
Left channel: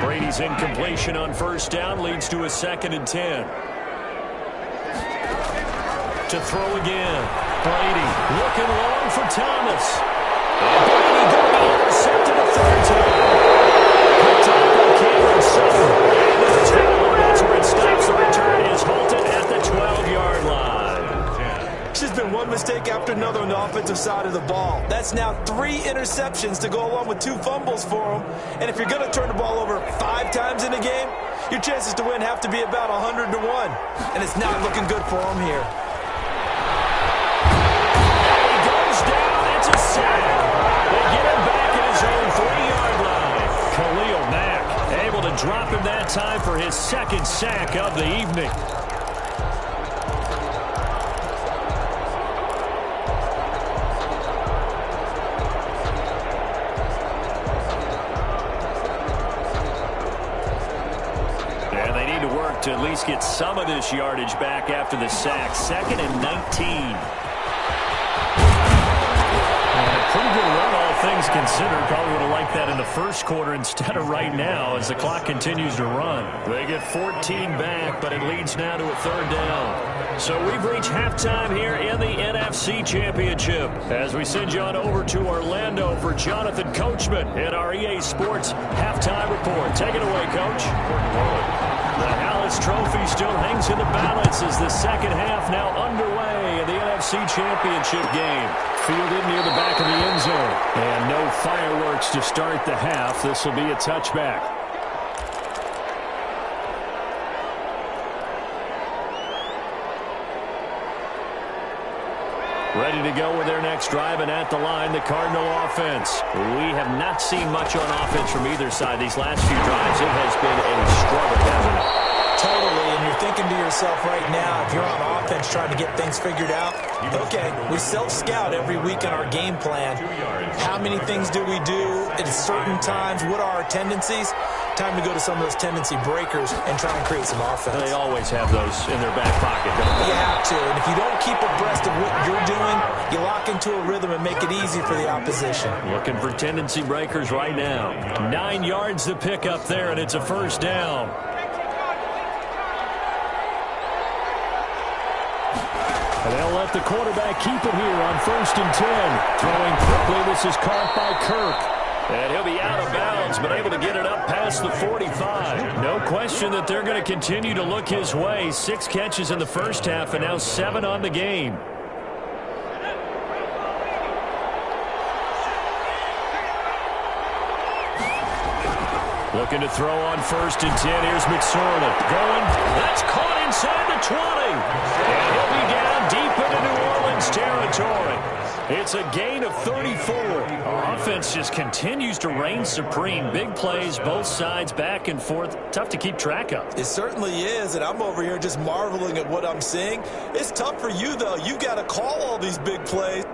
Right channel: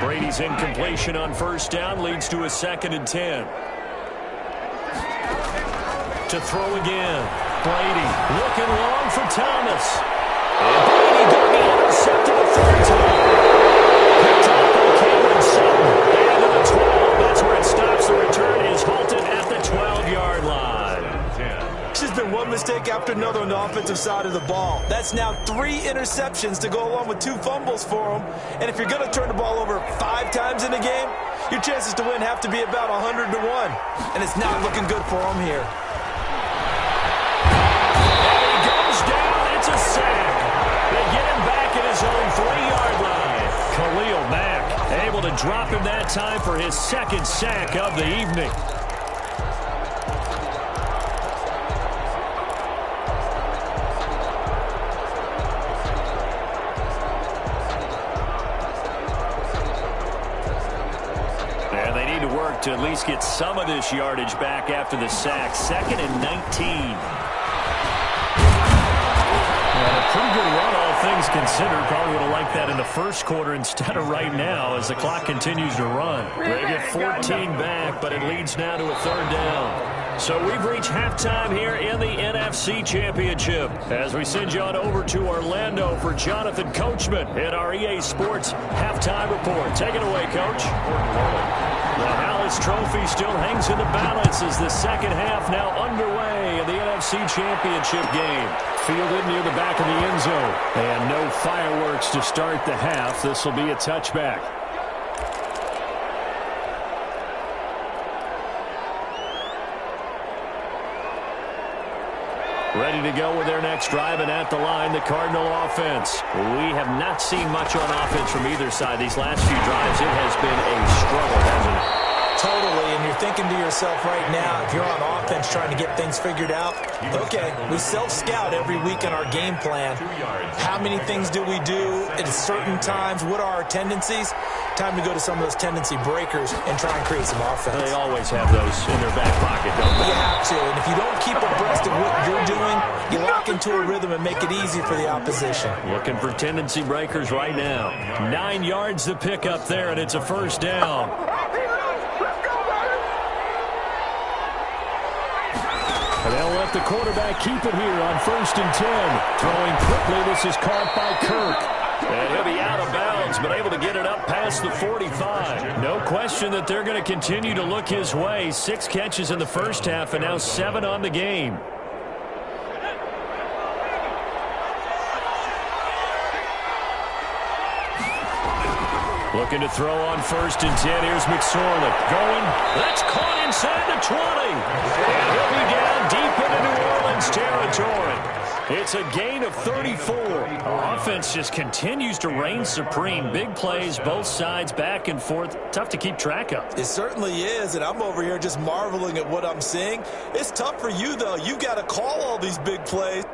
Brady's incompletion on first down leads to a 2nd and 10. To throw again. Brady looking long for Thomas. And Brady going to be intercepted a 3rd time. Picked off by Cameron Sutton. And to the 12. That's where it stops. The return is halted at the 12-yard line. It's just been one mistake after another on the offensive side of the ball. That's now 3 interceptions to go along with 2 fumbles for him. And if you're going to turn the ball over 5 times in a game, your chances to win have to be about 100 to 1. And it's not looking good for him here. And he goes down. It's a sack. They get him back at his own 3-yard line. Khalil Mack able to drop him that time for his 2nd sack of the evening. And they need to work to at least get some of this yardage back after the sack. 2nd and 19. And a pretty good run, all things considered. Probably would have liked that in the first quarter instead of right now as the clock continues to run. They get 14 back, but it leads now to a 3rd down. So we've reached halftime here in the NFC Championship as we send you on over to Orlando for Jonathan Coachman in our EA Sports halftime report. Take it away, Coach. The Hallis Trophy still hangs in the balance as the 2nd half now underway in the NFC Championship game. Fielded near the back of the end zone. And no fireworks to start the half. This will be a touchback. Ready to go with their next drive, and at the line, the Cardinal offense. We have not seen much on offense from either side these last few drives. It has been a struggle, hasn't it? Totally, and you're thinking to yourself right now, if you're on offense trying to get things figured out, okay, we self-scout every week in our game plan. How many things do we do at certain times? What are our tendencies? Time to go to some of those tendency breakers and try and create some offense. They always have those in their back pocket, don't they? You have to, and if you don't keep abreast of what you're doing, you lock into a rhythm and make it easy for the opposition. Looking for tendency breakers right now. 9 yards to pick up there, and it's a first down. And they'll let the quarterback keep it here on 1st and 10. Throwing quickly, this is caught by Kirk. And he'll be out of bounds, but able to get it up past the 45. No question that they're going to continue to look his way. 6 catches in the first half, and now 7 on the game. Looking to throw on 1st and 10. Here's McSorley going. That's caught inside the 20. And he'll be down deep into New Orleans territory. It's a gain of 34. Offense just continues to reign supreme. Big plays, both sides, back and forth. Tough to keep track of. It certainly is, and I'm over here just marveling at what I'm seeing. It's tough for you, though. You've got to call all these big plays.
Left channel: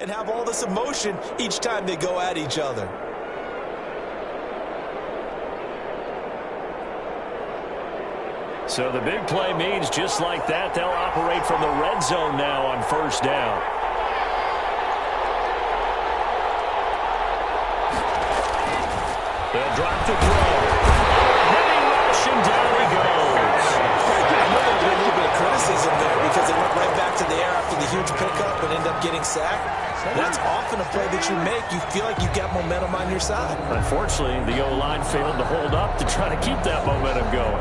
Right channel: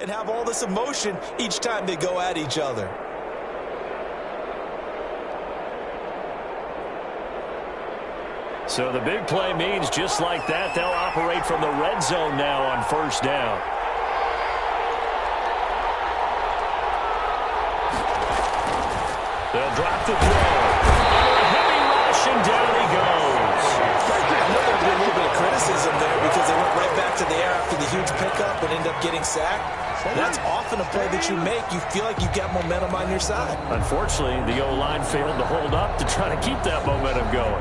And have all this emotion each time they go at each other. So the big play means just like that, they'll operate from the red zone now on 1st down. They'll drop the throw. Under a heavy rush, and down he goes. I know there'll be a little bit of criticism there because they went right back to the air after the huge pickup and end up getting sacked. That's often a play that you make. You feel like you've got momentum on your side. Unfortunately, the O-line failed to hold up to try to keep that momentum going.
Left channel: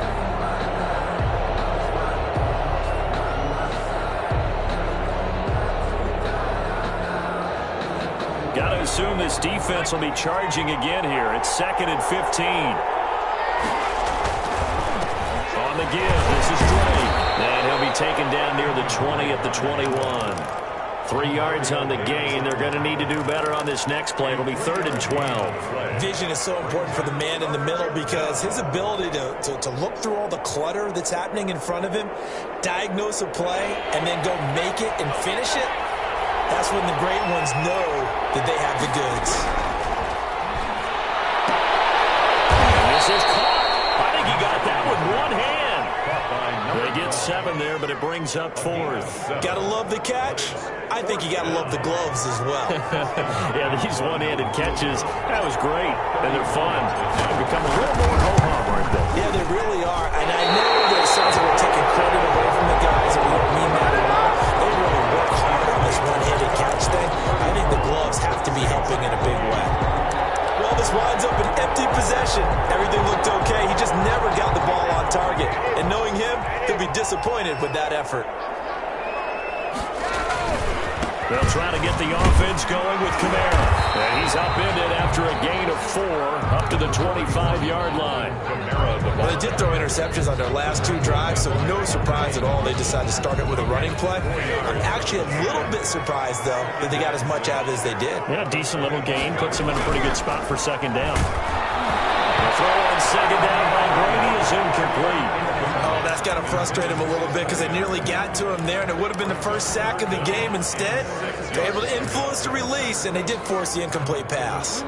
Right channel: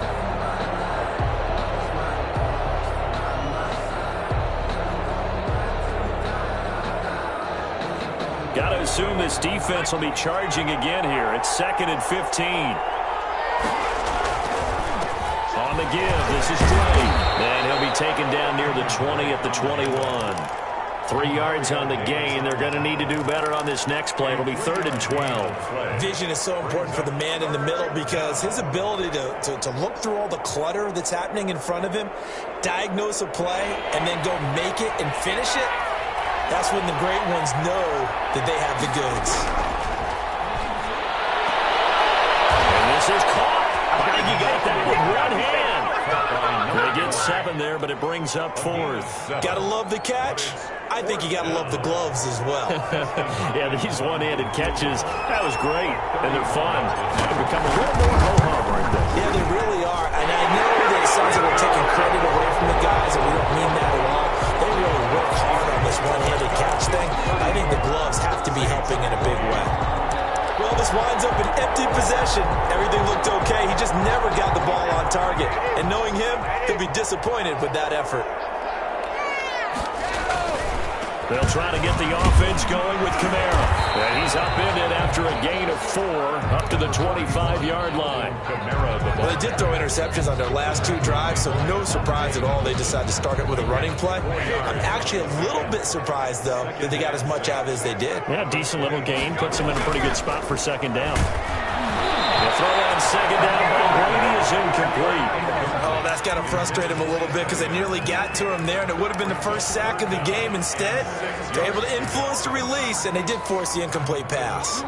Got to assume this defense will be charging again here. It's 2nd and 15. On the give, this is Drake. And he'll be taken down near the 20 at the 21. 3 yards on the gain. They're going to need to do better on this next play. It'll be 3rd and 12. Vision is so important for the man in the middle because his ability to look through all the clutter that's happening in front of him, diagnose a play, and then go make it and finish it, that's when the great ones know that they have the goods. And this is caught. I think he got that with one hand. They get 7 there, but it brings up 4th. Gotta love the catch. I think you gotta love the gloves as well. Yeah, these one-handed catches, that was great, and they're fun. They've become a little more ho-hum, aren't they? Yeah, they really are, and I know that it sounds like we're taking credit away from the guys, and we don't mean that at all. They really work hard on this one-handed catch thing. I think the gloves have to be helping in a big way. Well, this winds up an empty possession. Everything looked okay. He just never got the ball on target. And knowing him, he'll be disappointed with that effort. They'll try to get the offense going with Kamara. And he's upended after a gain of 4 up to the 25-yard line. Well, they did throw interceptions on their last 2 drives, so no surprise at all they decided to start it with a running play. I'm actually a little bit surprised, though, that they got as much out of it as they did. Yeah, decent little gain. Puts them in a pretty good spot for second down. The throw on second down by Brady is incomplete. Oh, that's got to frustrate him a little bit because they nearly got to him there, and it would have been the first sack of the game. Instead, they're able to influence the release, and they did force the incomplete pass.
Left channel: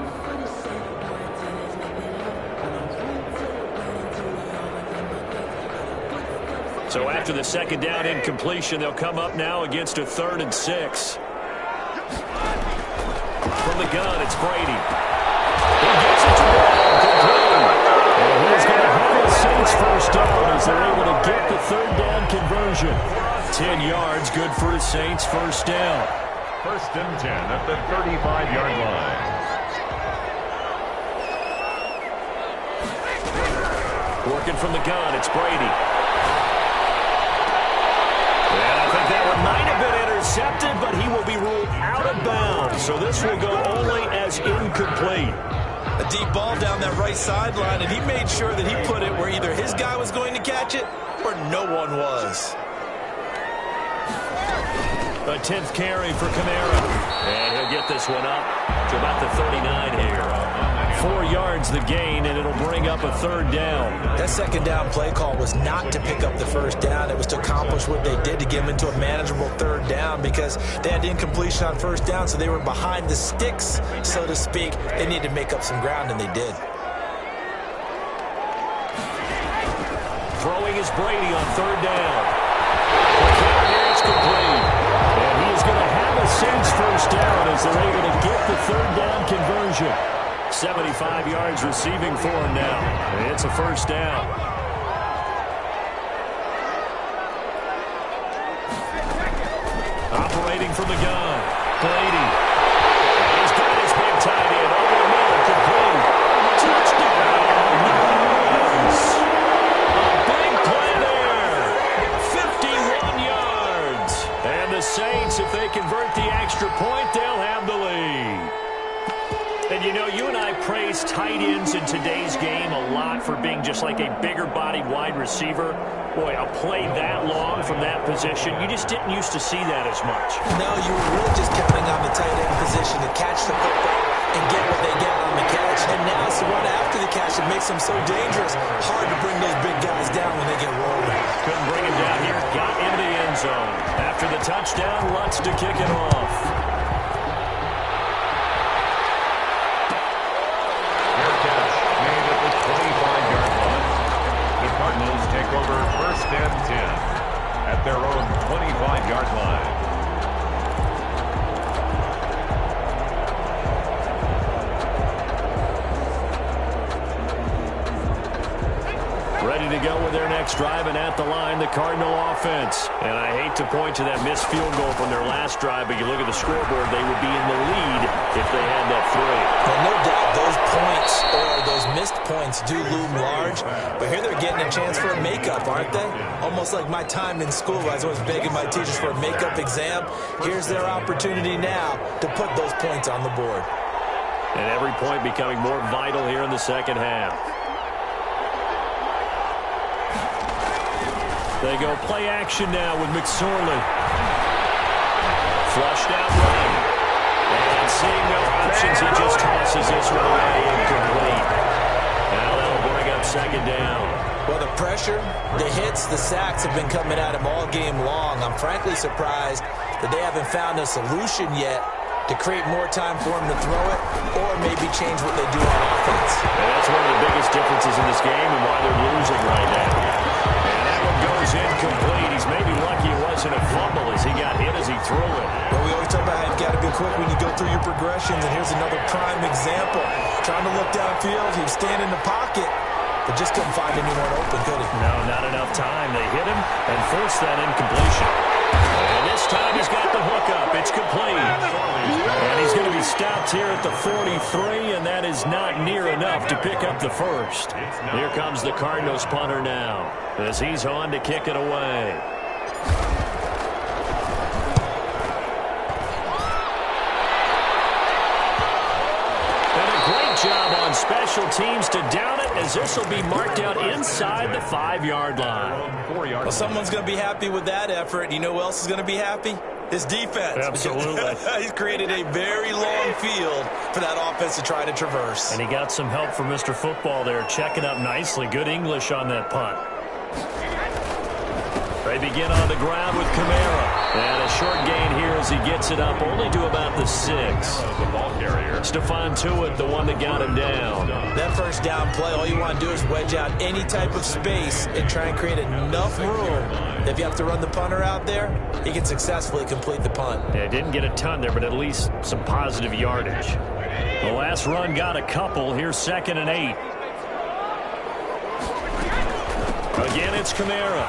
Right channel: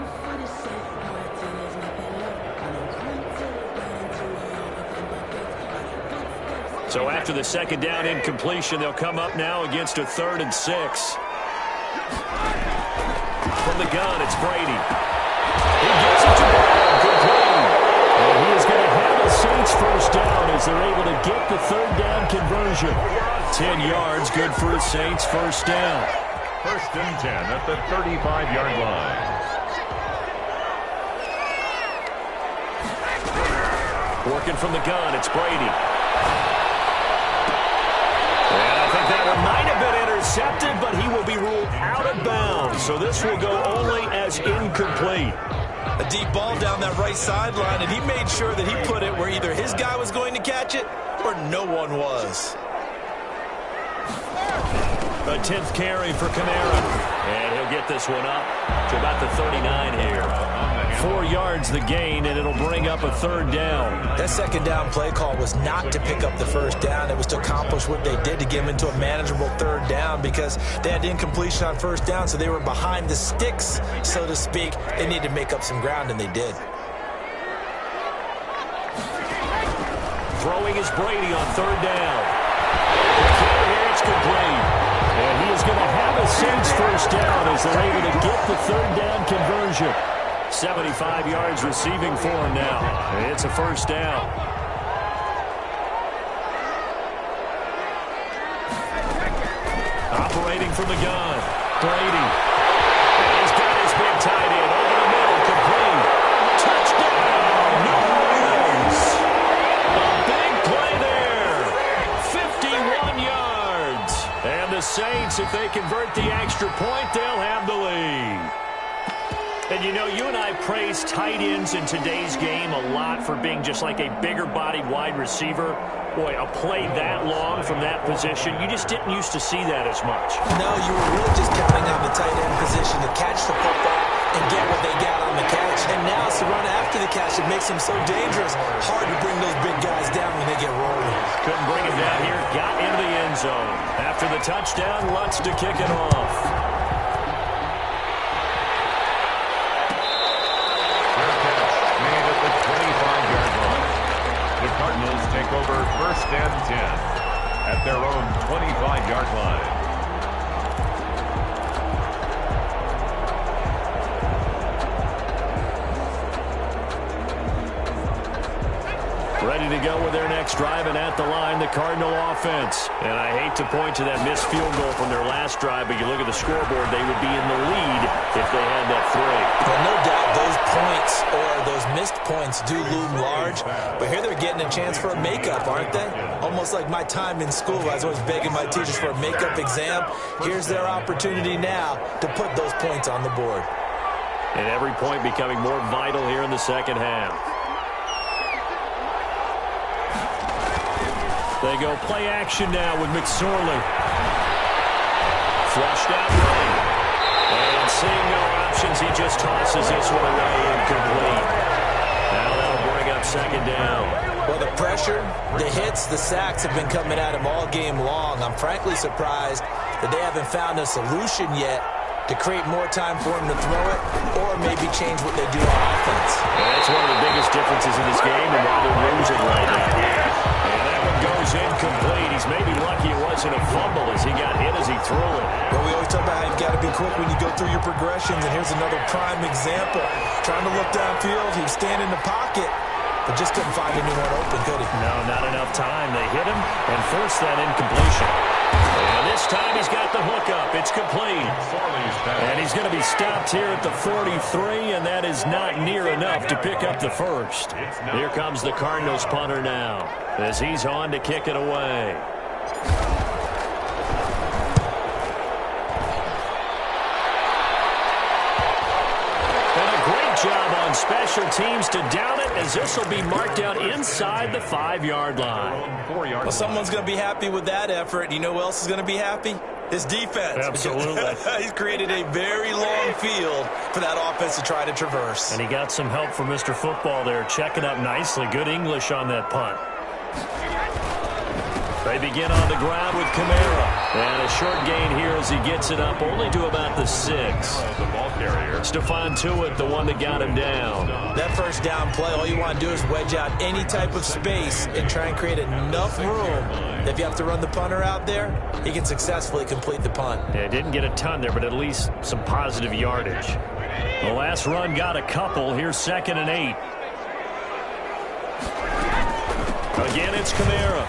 So after the second down incompletion, they'll come up now against a 3rd and 6. From the gun, it's Brady. He gets it to Brown, complete. And he is going to have a Saints first down as they're able to get the 3rd down conversion. 10 yards, good for the Saints first down. 1st and 10 at the 35-yard line. Working from the gun, it's Brady. And I think that one might have been intercepted, but he will be ruled out of bounds. So this will go only as incomplete. A deep ball down that right sideline, and he made sure that he put it where either his guy was going to catch it or no one was. A 10th carry for Kamara. And he'll get this one up to about the 39 here. 4 yards the gain, and it'll bring up a 3rd down. That second down play call was not to pick up the first down. It was to accomplish what they did, to get them into a manageable 3rd down, because they had the incompletion on first down, so they were behind the sticks, so to speak. They needed to make up some ground, and they did. Throwing is Brady on 3rd down. Here it's complete. And he is going to have a Saints first down as they're able to get the 3rd down conversion. 75 yards receiving for him now. It's a first down. Operating from the gun, Brady. And he's got his big tight end over the middle, complete. Touchdown, New Orleans. A big play there. 51 yards. And the Saints, if they convert the extra point, they'll have the lead. And, you know, you and I praise tight ends in today's game a lot for being just like a bigger-bodied wide receiver. Boy, a play that long from that position, you just didn't used to see that as much. No, you were really just counting on the tight end position to catch the football and get what they got on the catch. And now it's the run after the catch that makes them so dangerous. Hard to bring those big guys down when they get rolling. Couldn't bring him down here. Got into the end zone. After the touchdown, Lutz to kick it off. Cardinals take over 1st and 10 at their own 25-yard line. Ready to go with their next drive, and at the line, the Cardinal offense. And I hate to point to that missed field goal from their last drive, but you look at the scoreboard, they would be in the lead if they had that 3. Well, no doubt those points or those missed points do loom large, but here they're getting a chance for a makeup, aren't they? Almost like my time in school, I was always begging my teachers for a makeup exam. Here's their opportunity now to put those points on the board. And every point becoming more vital here in the second half. They go play action now with McSorley. Flushed out right. And seeing no options, he just tosses this one away incomplete. Now that'll bring up second down. Well, the pressure, the hits, the sacks have been coming at him all game long. I'm frankly surprised that they haven't found a solution yet to create more time for him to throw it or maybe change what they do on offense. And that's one of the biggest differences in this game and why they're losing right now. And that one goes incomplete. He's maybe lucky it wasn't a fumble as he got hit as he threw it. Well, we always talk about how you've got to be quick when you go through your progressions, and here's another prime example. Trying to look downfield, he was standing in the pocket, but just couldn't find anyone open, could he? No, not enough time. They hit him and forced that incompletion. And this time he's got the hook up. It's complete. And he's going to be stopped here at the 43, and that is not near enough to pick up the first. Here comes the Cardinals punter now as he's on to kick it away. job on special teams to down it, as this will be marked out inside the 5-yard line. 4-yard Well, someone's going to be happy with that effort. You know who else is going to be happy? His defense. Absolutely. He's created a very long field for that offense to try to traverse. And he got some help from Mr. Football there, checking up nicely. Good English on that punt. They begin on the ground with Kamara. And a short gain here as he gets it up only to about the 6. The ball carrier. Stephon Tuitt, the one that got him down. That first down play, all you want to do is wedge out any type of space and try and create enough room that if you have to run the punter out there, he can successfully complete the punt. Yeah, didn't get a ton there, but at least some positive yardage. The last run got a couple. Here's 2nd and 8. Again, it's Kamara.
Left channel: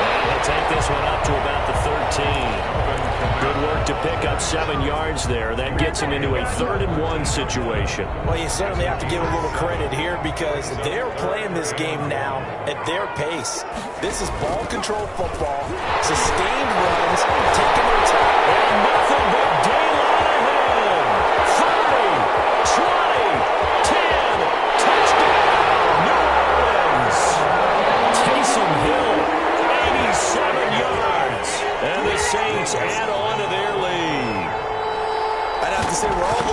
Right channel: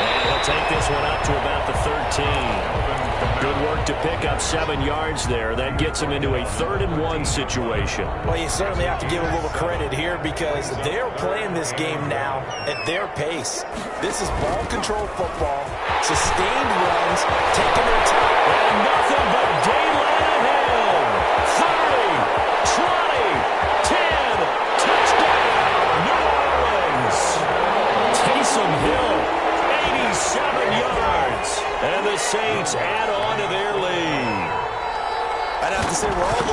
And he'll take this one up to about the 13. Good work to pick up 7 yards there. That gets him into a 3rd and 1 situation. Well, you certainly have to give a little credit here because they're playing this game now at their pace. This is ball control football, sustained runs, taking their time. And nothing but daylight ahead. 30, 20, 10, touchdown, New Orleans. Taysom Hill, 87 yards. And the Saints add on to their lead. I'd have to say we're all